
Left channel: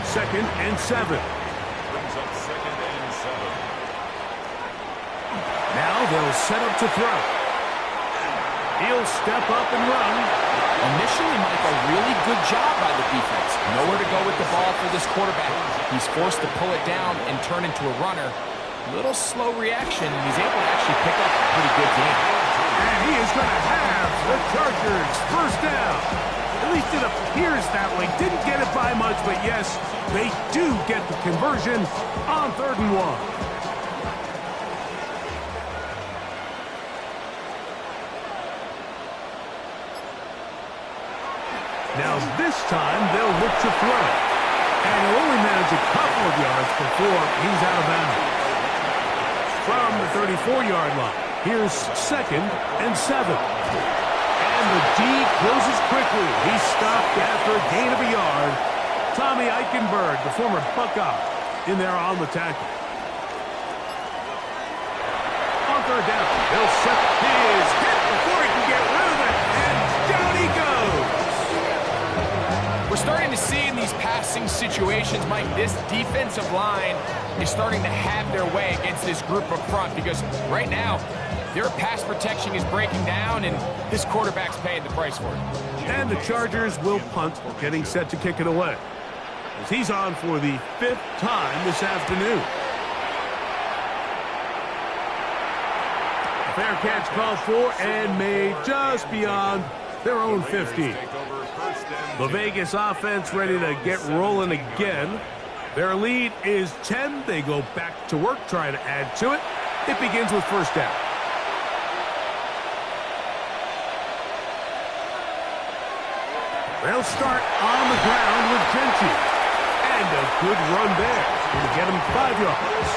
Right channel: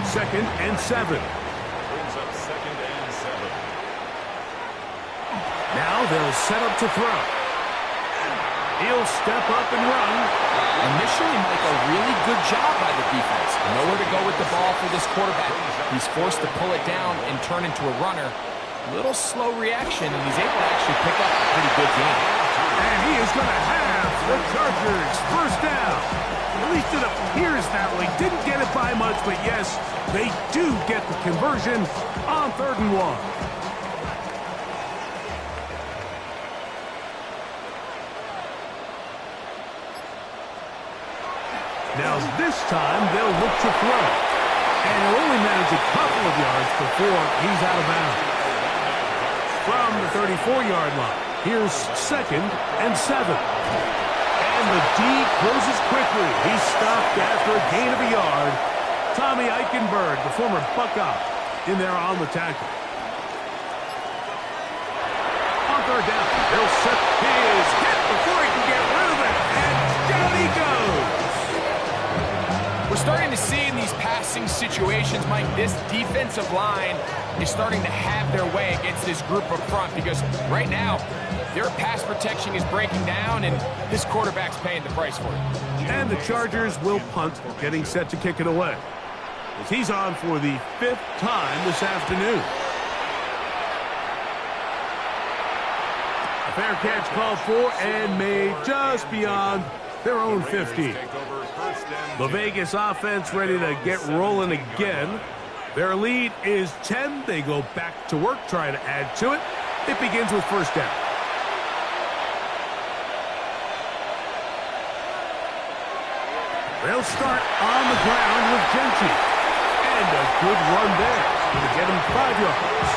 Second and 7. Brings up second and 7. Now they'll set up to throw. He'll step up and run. Initially, Mike, a really good job by the defense. Nowhere to go with the ball for this quarterback. He's forced to pull it down and turn into a runner. Little slow reaction, and he's able to actually pick up a pretty good game. And he is going to have the Chargers first down. At least it appears that way. Didn't get it by much, but yes, they do get the conversion on 3rd and 1. Now this time they'll look to throw. And he'll only manage a couple of yards before he's out of bounds. From the 34-yard line, here's second and 7. And the D closes quickly. He's stopped after a gain of a yard. Tommy Eichenberg, the former Buckeye, in there on the tackle. On third down, they'll set his hit before he can get rid of it. And down he goes. We're starting to see in these passing situations, Mike, this defensive line is starting to have their way against this group up front because right now their pass protection is breaking down and this quarterback's paying the price for it. And the Chargers will punt, getting set to kick it away. As he's on for the 5th time this afternoon. A fair catch called for and made just beyond their own 50. The Vegas offense ready to get rolling again. Their lead is 10. They go back to work, try to add to it. It begins with first down. They'll start on the ground with Genty. And a good run there. Going to get him 5 yards.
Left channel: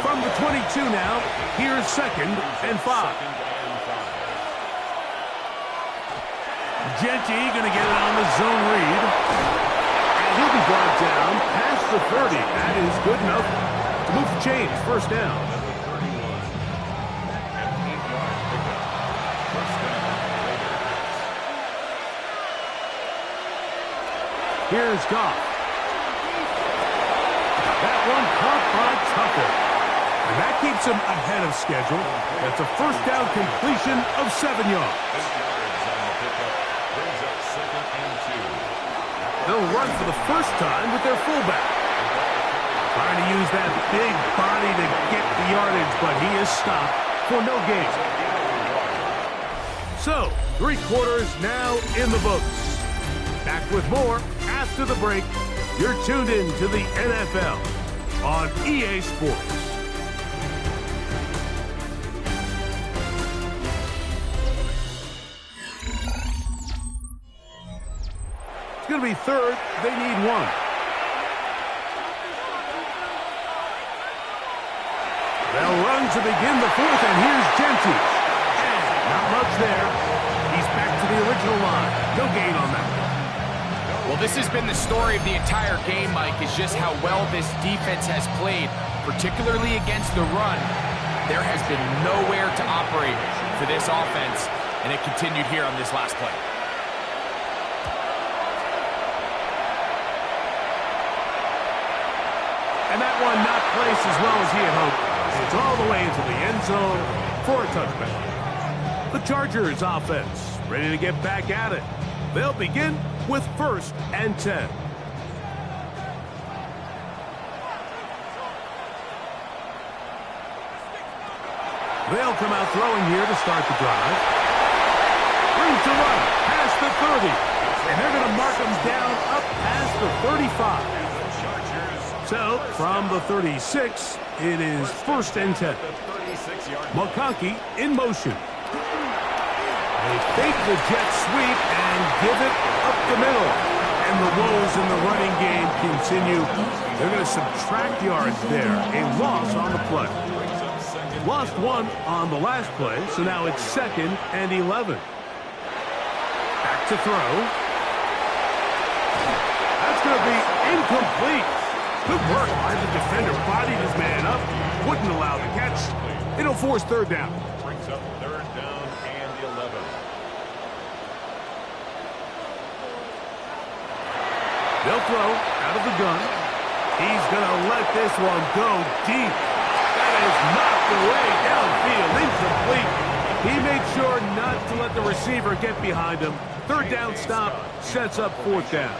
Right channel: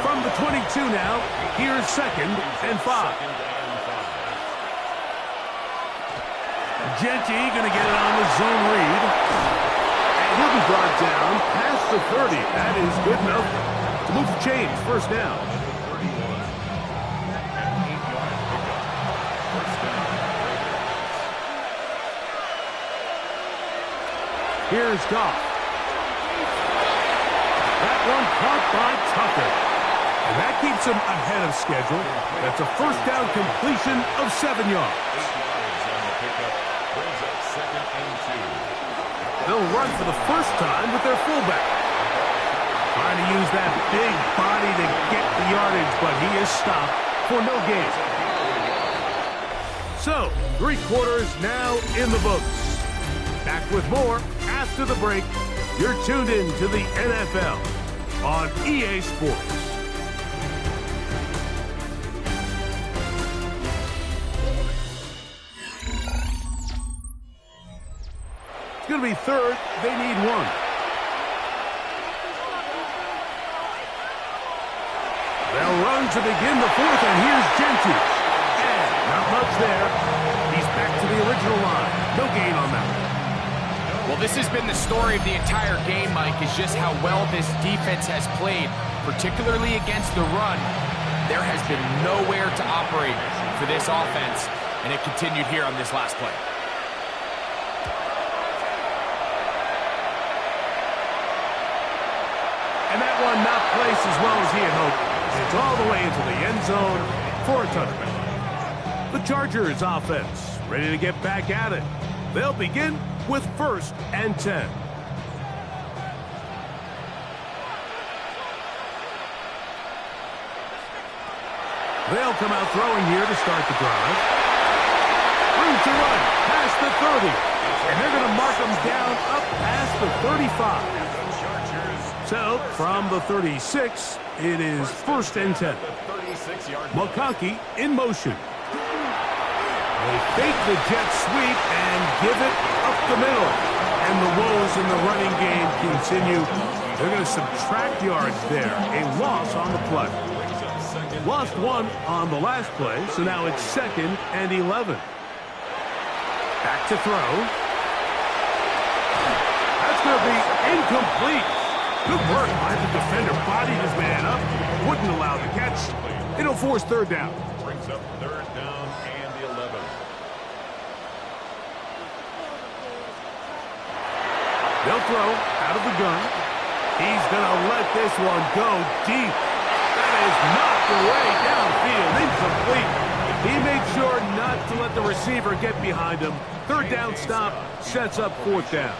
From the 22 now, here's 2nd and 5. Genty going to get it on the zone read. And he'll be brought down past the 30. That is good enough to move the chains. First down. Here's Goff. That one caught by Tucker. And that keeps him ahead of schedule. That's a first down completion of 7 yards. 8 yards on the pickup. Brings up 2nd and 2. They'll run for the first time with their fullback. Trying to use that big body to get the yardage, but he is stopped for no gain. So, 3 quarters now in the books. Back with more after the break. You're tuned in to the NFL on EA Sports. It's going to be 3rd. They need 1. They'll run to begin the 4th, and here's Genty. And not much there. He's back to the original line. No gain on that. Well, this has been the story of the entire game, Mike, is just how well this defense has played, particularly against the run. There has been nowhere to operate for this offense, and it continued here on this last play. And that one not placed as well as he had hoped. It's all the way into the end zone for a touchdown. The Chargers offense ready to get back at it. They'll begin with 1st and 10. They'll come out throwing here to start the drive. Room to run past the 30. And they're going to mark them down up past the 35. So, from the 36, it is 1st and 10. McConkey in motion. They fake the jet sweep and give it up the middle. And the woes in the running game continue. They're going to subtract yards there. A loss on the play. Lost 1 on the last play, so now it's 2nd and 11. Back to throw. That's going to be incomplete. Good work by the defender. Bodied his man up. Wouldn't allow the catch. It'll force 3rd down. Brings up 3rd down and 11. They'll throw out of the gun. He's going to let this one go deep. That is knocked away downfield. Incomplete. He made sure not to let the receiver get behind him. 3rd down stop sets up 4th down.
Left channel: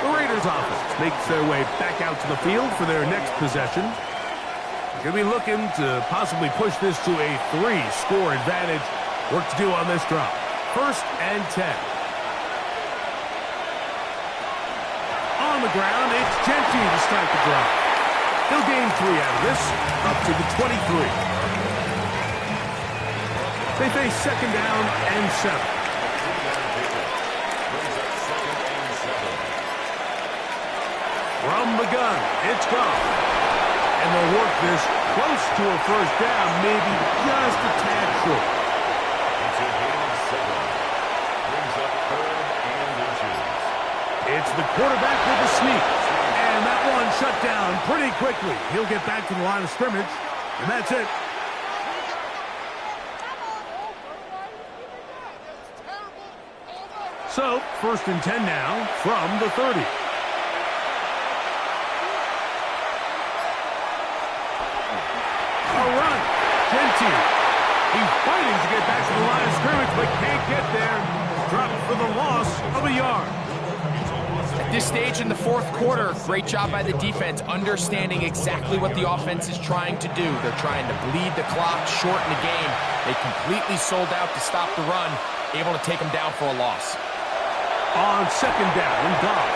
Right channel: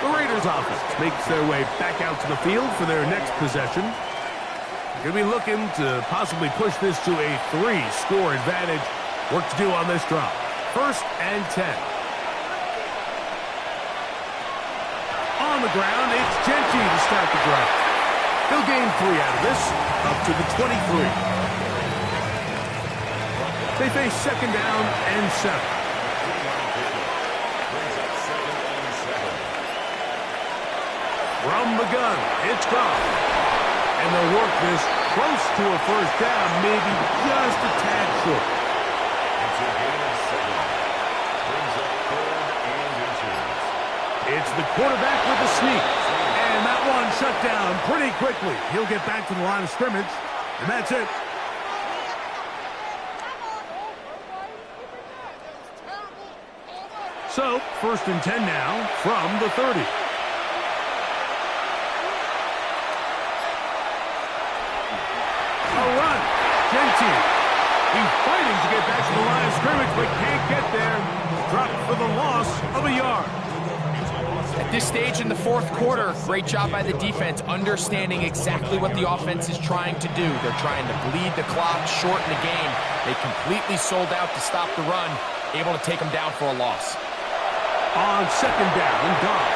The Raiders offense makes their way back out to the field for their next possession. They're going to be looking to possibly push this to a 3-score advantage. Work to do on this drive. 1st and 10. On the ground, it's Genty to start the drive. He'll gain 3 out of this, up to the 23. They face 2nd down and 7. From the gun, it's Goff. And they'll work this close to a 1st down, maybe just a tad short. It's a gain of 7. Brings up 3rd and inches. It's the quarterback with the sneak. And that one shut down pretty quickly. He'll get back to the line of scrimmage, and that's it. So, 1st and 10 now from the 30. A run. Genty. He's fighting to get back to the line of scrimmage, but can't get there. Dropped for the loss of a yard. At this stage in the 4th quarter, great job by the defense, understanding exactly what the offense is trying to do. They're trying to bleed the clock, shorten the game. They completely sold out to stop the run, able to take them down for a loss. On 2nd down, Goff.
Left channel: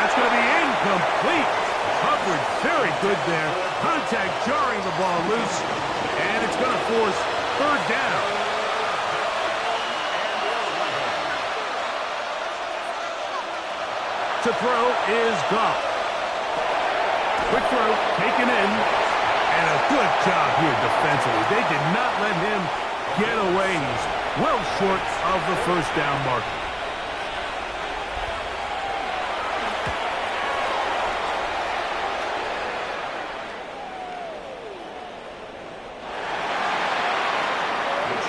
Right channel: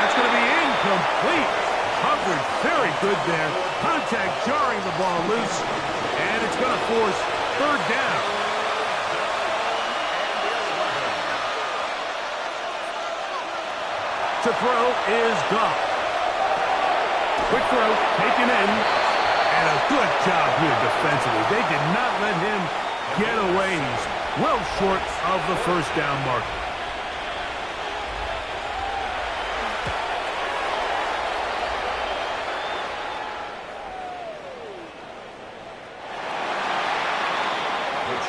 That's going to be Incomplete. Coverage very good there. Contact jarring the ball loose. And it's going to force third down. To throw is Goff. Quick throw, taken in. And a good job here defensively. They did not let him get away. He's well short of the first down marker.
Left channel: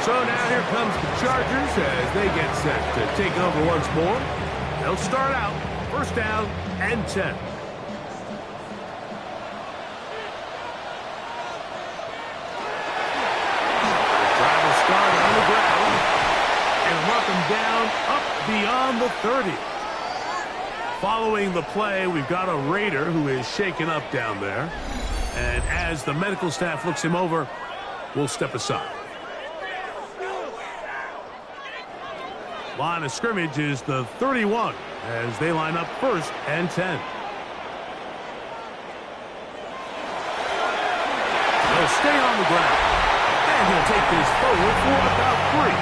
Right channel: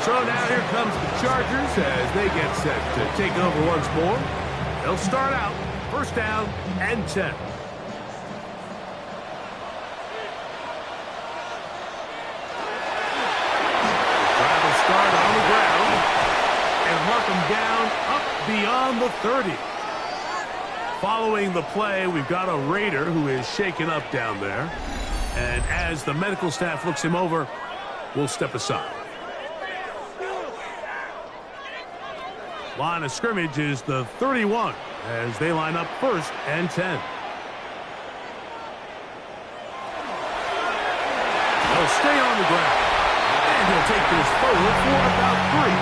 So now here comes the Chargers as they get set to take over once more. They'll start out first down and 10. Drive will start on the ground and mark them down up beyond the 30. Following the play, we've got a Raider who is shaken up down there. And as the medical staff looks him over, we'll step aside. Line of scrimmage is the 31 as they line up first and 10. They'll stay on the ground. And he'll take this forward for about 3.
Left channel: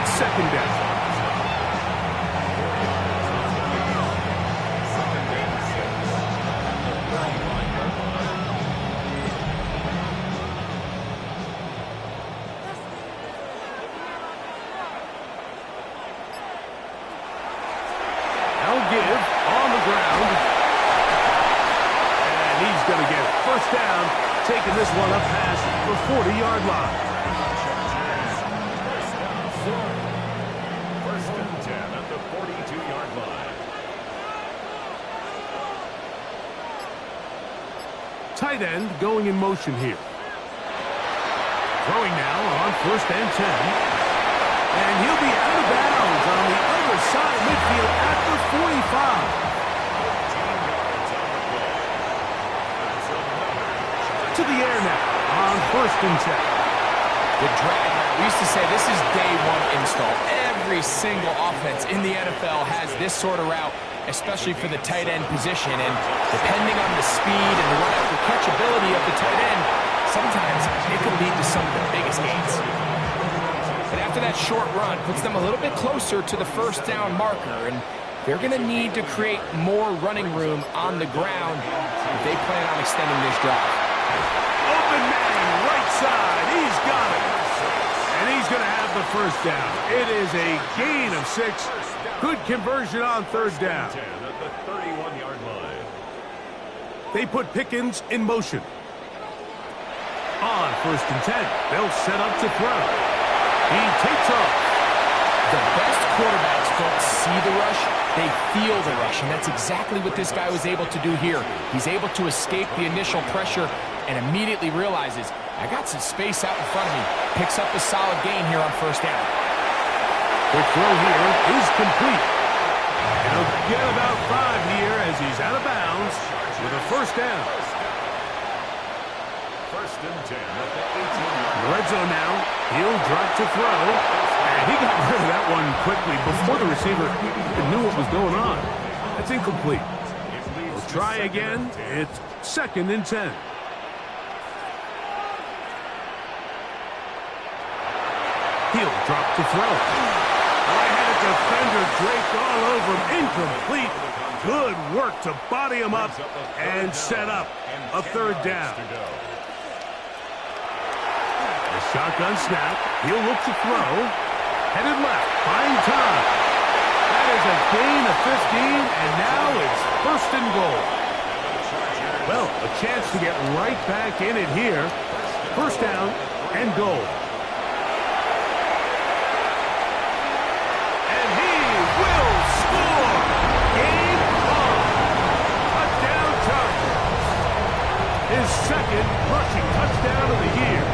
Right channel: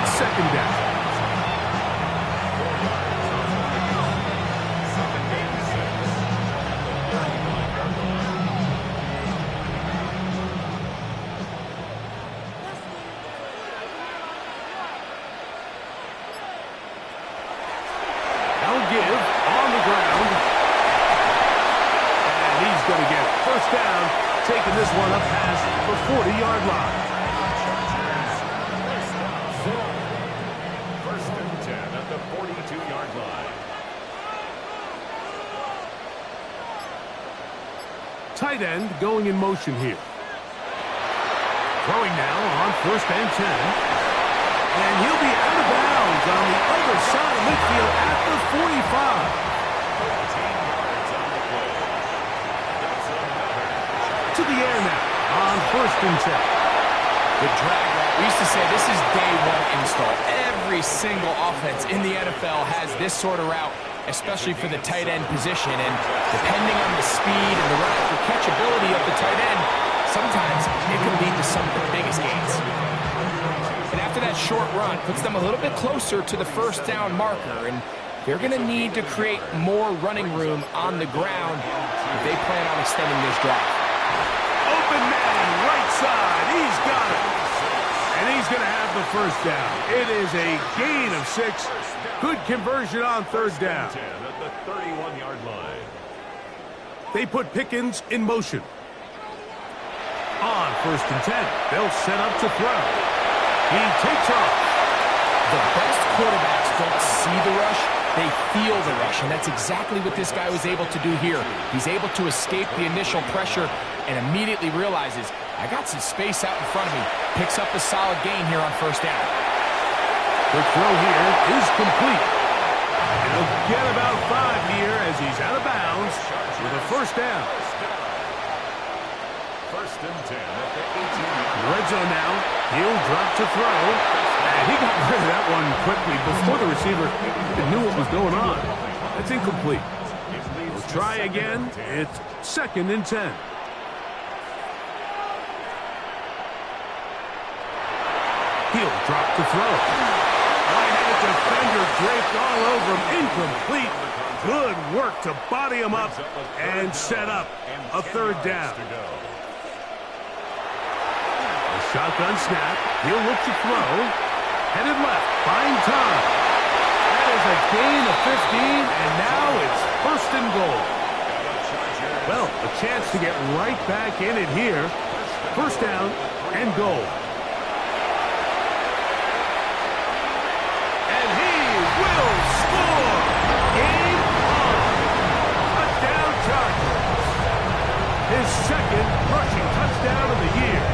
It's second down. 4 yards on the pickup. Second and 6 at the 35-yard line. They'll give on the ground. And he's going to get first down, taking this one up past the 40-yard line. First and 10 at the 42-yard line. Tight end going in motion here. Throwing now on first and 10. And he'll be out of bounds on the other side of midfield at the 45. 13 yards on the play. That's another charge. To the air now on first and 10. The drag route. We used to say this is day one install. Every single offense in the NFL has this sort of route, especially for the tight end position. And depending on the speed and the run after catch ability of the tight end, sometimes it can lead to some of the biggest gains. And after that short run, puts them a little bit closer to the first down marker. And they're going to need to create more running room on the ground if they plan on extending this drive. Open man, right side. He's got it. And he's going to have the first down. It is a gain of 6. Good conversion on third down. 10 at the 31-yard line. They put Pickens in motion. On first and 10, they'll set up to throw. He takes off. The best quarterbacks don't see the rush, they feel the rush, and that's exactly what this guy was able to do here. He's able to escape the initial pressure and immediately realizes, I got some space out in front of me. Picks up a solid gain here on first down. Quick throw here is complete. And he'll get about 5 here as he's out of bounds with a first down. First and 10 at the 18-yard line. Red zone now. He'll drop to throw. And he got rid of that one quickly before the receiver even knew what was going on. That's incomplete. We'll try again. It's second and 10. He'll drop to throw. I had a defender draped all over him. Incomplete. Good work to body him up and set up a third down. A shotgun snap. He'll look to throw. Headed left. Buying time. That is a gain of 15, and now it's first and goal. Well, a chance to get right back in it here. First down and goal. And he will score. Game on. Touchdown Chargers. His second rushing touchdown of the year.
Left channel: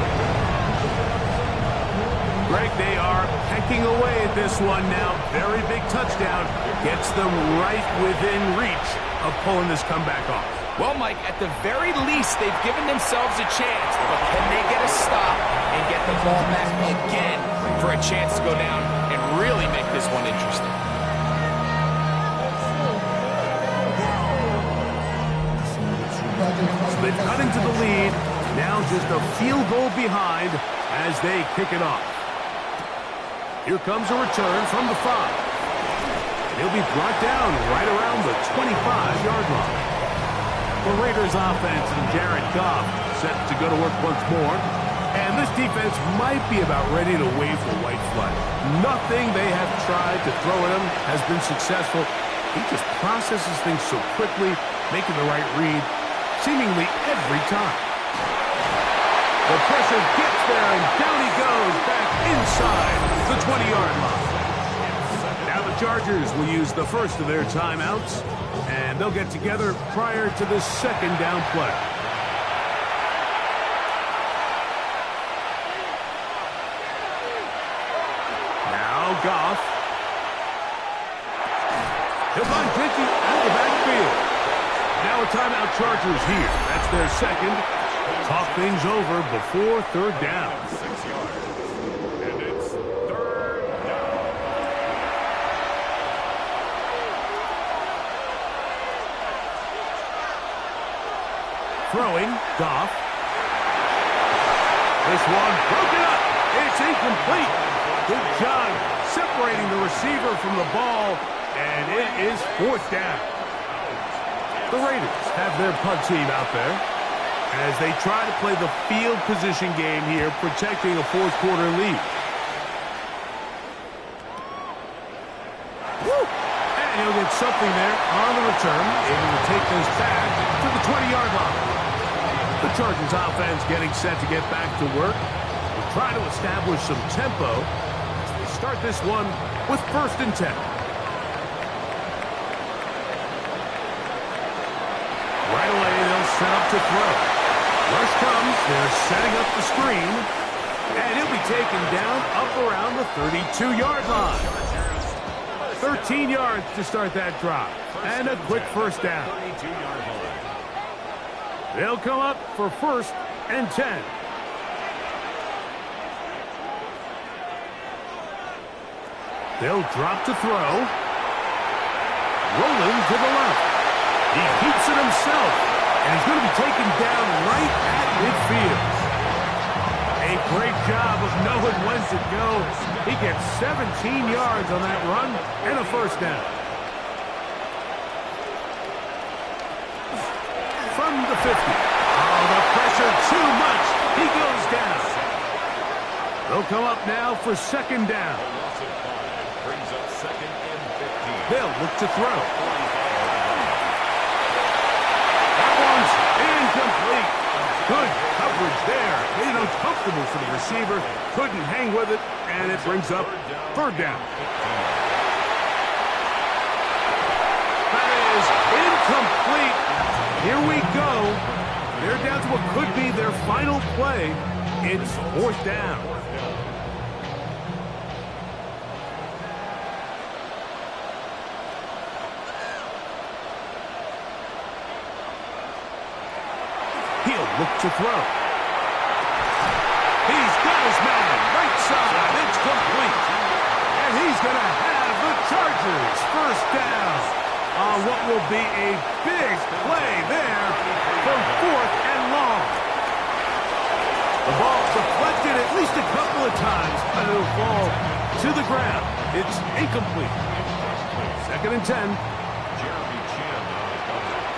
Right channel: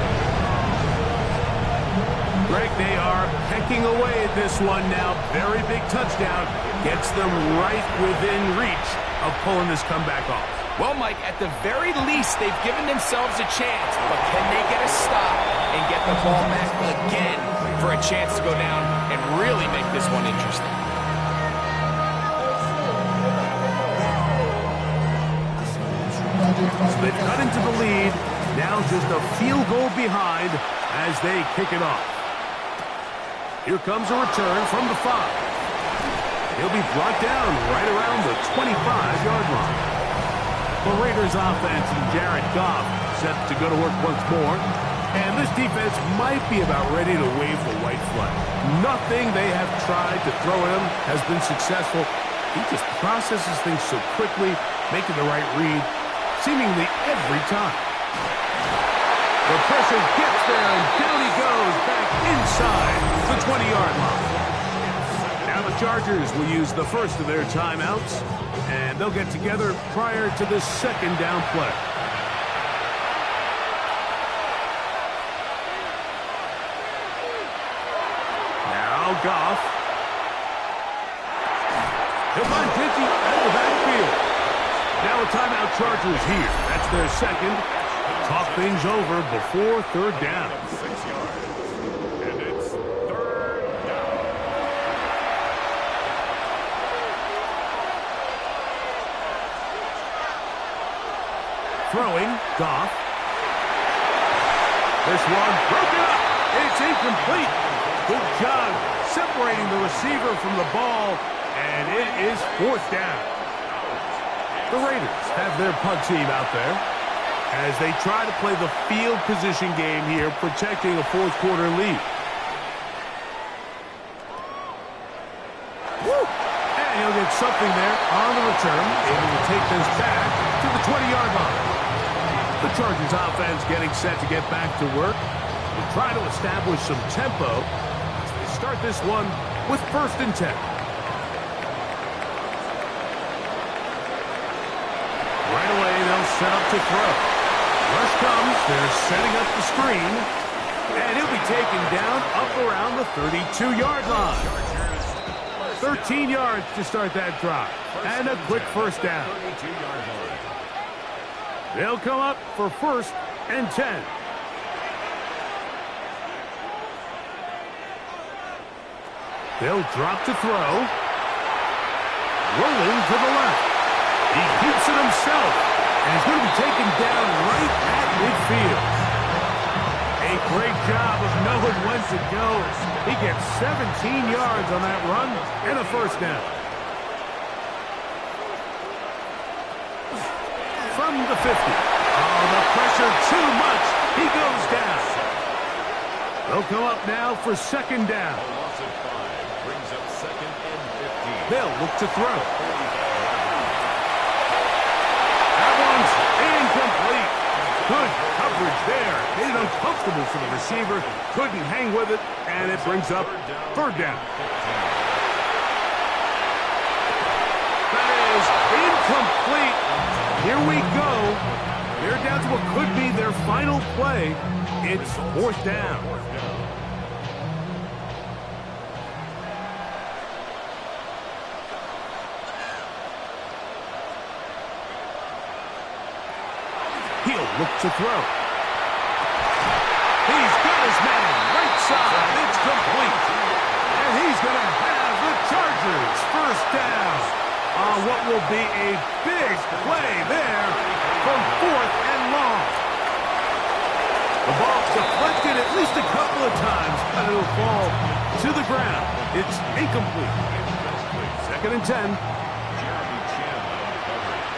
Greg, they are pecking away at this one now. Very big touchdown. Gets them right within reach of pulling this comeback off. Well, Mike, at the very least, they've given themselves a chance. But can they get a stop and get the ball back again for a chance to go down and really make this one interesting? So they've cut into the lead. Now just a field goal behind as they kick it off. Here comes a return from the 5. He'll be brought down right around the 25-yard line. The Raiders offense and Jared Goff set to go to work once more. And this defense might be about ready to wave the white flag. Nothing they have tried to throw at him has been successful. He just processes things so quickly, making the right read seemingly every time. The pressure gets there, and down he goes back inside the 20-yard line. Now the Chargers will use the first of their timeouts, and they'll get together prior to the second down play. Now Goff. He'll find Pidgey out of the backfield. Now a timeout Chargers here. That's their second. Talk things over before third down. 6 yards. And it's third down. Throwing, Goff. This one broken up. It's incomplete. Good job separating the receiver from the ball, and it is fourth down. The Raiders have their punt team out there as they try to play the field position game here, protecting a fourth quarter lead. Woo! And he'll get something there on the return, able to take this back to the 20-yard line. The Chargers offense getting set to get back to work. We'll try to establish some tempo as they start this one with 1st and 10. Right away, they'll set up to throw. Rush comes. They're setting up the screen. And he'll be taken down up around the 32-yard line. 13 yards to start that drive. And a quick first down. They'll come up for 1st and 10. They'll drop to throw. Rolling to the left. He keeps it himself, and he's going to be taken down right at midfield. A great job of knowing when to go. He gets 17 yards on that run and a first down. From the 50. Oh, the pressure too much. He goes down. They'll come up now for second down. A loss of 5 brings up 2nd and 15. They'll look to throw. That one's incomplete. Good coverage there. Made it uncomfortable for the receiver. Couldn't hang with it, and it brings up third down. That is incomplete. Here we go. They're down to what could be their final play. It's fourth down. He'll look to throw. He's got his man. Right side. It's complete. And he's going to have the Chargers first down on what will be a big play there from 4th and long. The ball deflected at least a couple of times, but it'll fall to the ground. It's incomplete. 2nd and 10. Jeremy Chin on the coverage.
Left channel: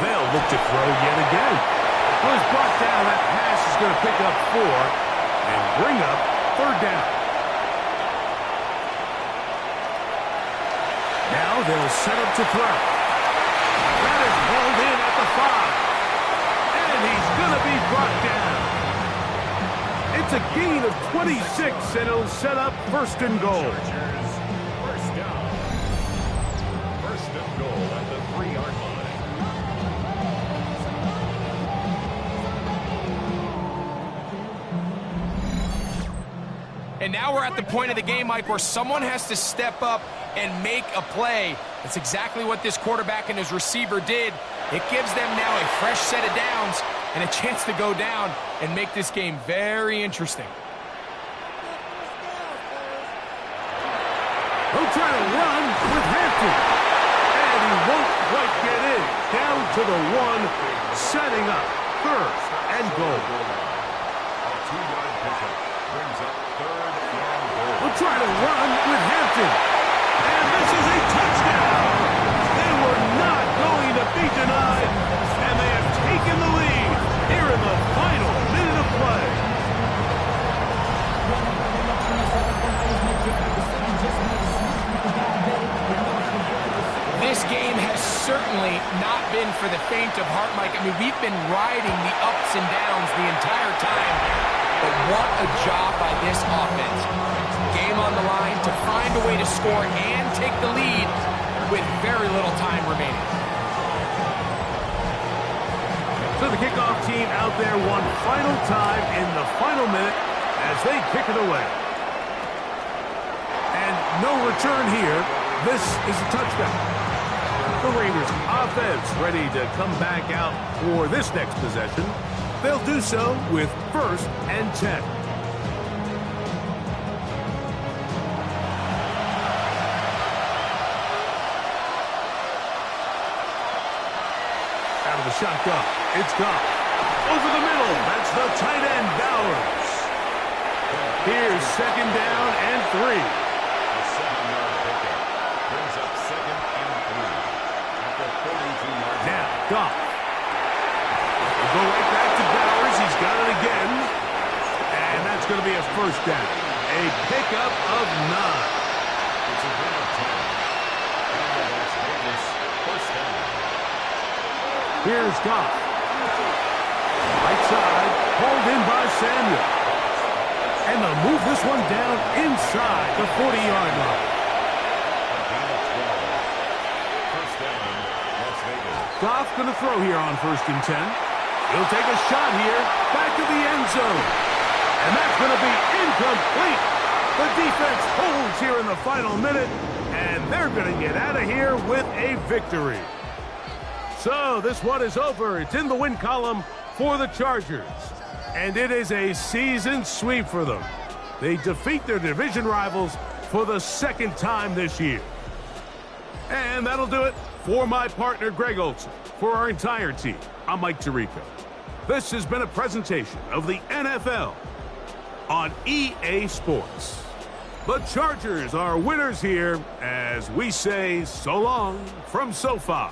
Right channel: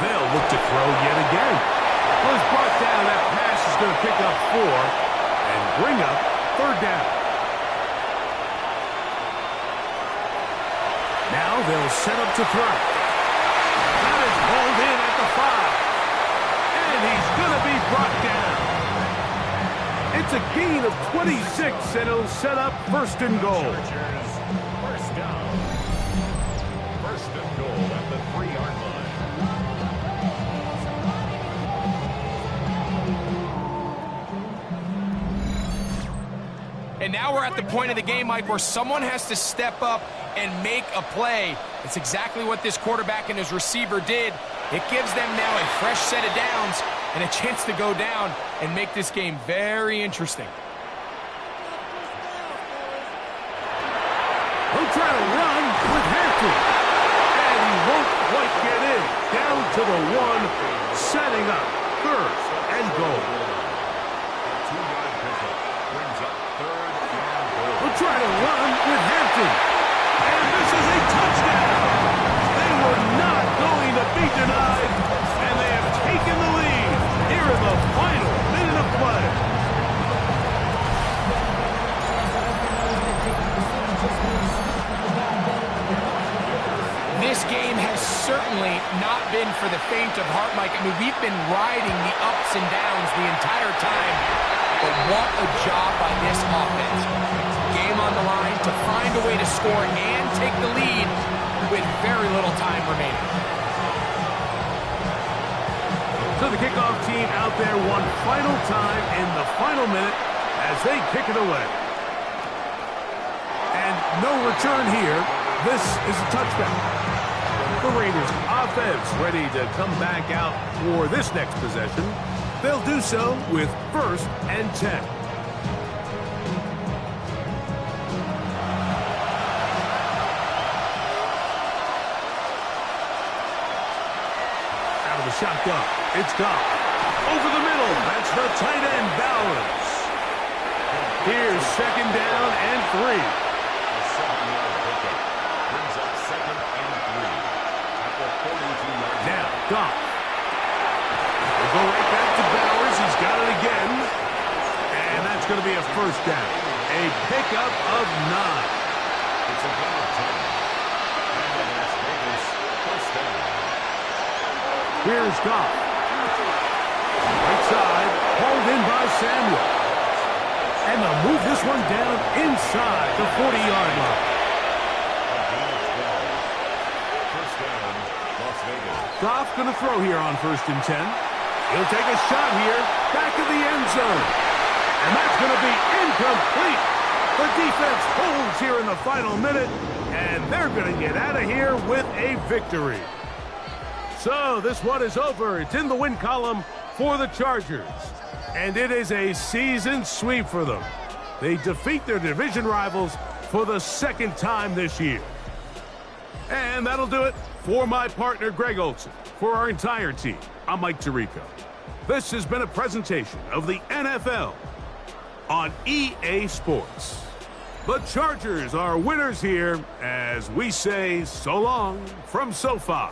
They'll look to throw yet again. Well, he's brought down. That pass is going to pick up 4 and bring up third down. Now they'll set up to throw. That is hauled in at the 5. And he's going to be brought down. It's a gain of 26, and it'll set up 1st and goal. Chargers, first down. 1st and goal at the 3-yard line. And now we're at the point of the game, Mike, where someone has to step up and make a play. It's exactly what this quarterback and his receiver did. It gives them now a fresh set of downs and a chance to go down and make this game very interesting. He'll try to run with Hampton. And he won't quite get in. Down to the 1, setting up 3rd and goal. A 2-yard pickup brings up 3rd and goal. We'll try to run with Hampton. And this is a touchdown. They were not going to be denied, and they have taken the lead here in the final minute of play. This game has certainly not been for the faint of heart, Mike. I mean, we've been riding the ups and downs the entire time, but what a job by this offense. Game on the line to find a way to score and take the lead with very little time remaining. So the kickoff team out there one final time in the final minute as they kick it away. And no return here. This is a touchdown. The Raiders offense ready to come back out for this next possession. They'll do so with 1st and 10. Out of the shotgun, it's Goff. Over the middle, that's the tight end, Bowers. Here's 2nd down and 3. A 7-yard pickup brings up 2nd and 3 at the 42-yard line. Now, Goff. We'll go right back to Bowers. He's got it again. And that's going to be a 1st down. A pickup of 9. It's a gain of 10. And that's Vegas 1st down. Here's Goff. Right side, hauled in by Samuel. And they'll move this one down inside the 40-yard line. A gain of 12. 1st down, Las Vegas. Goff going to throw here on 1st and 10. He'll take a shot here, back of the end zone. And that's going to be incomplete. The defense holds here in the final minute, and they're going to get out of here with a victory. So this one is over. It's in the win column for the Chargers. And it is a season sweep for them. They defeat their division rivals for the 2nd time this year. And that'll do it for my partner, Greg Olson. For our entire team, I'm Mike Tirico. This has been a presentation of the NFL on EA Sports. The Chargers are winners here as we say so long from SoFi.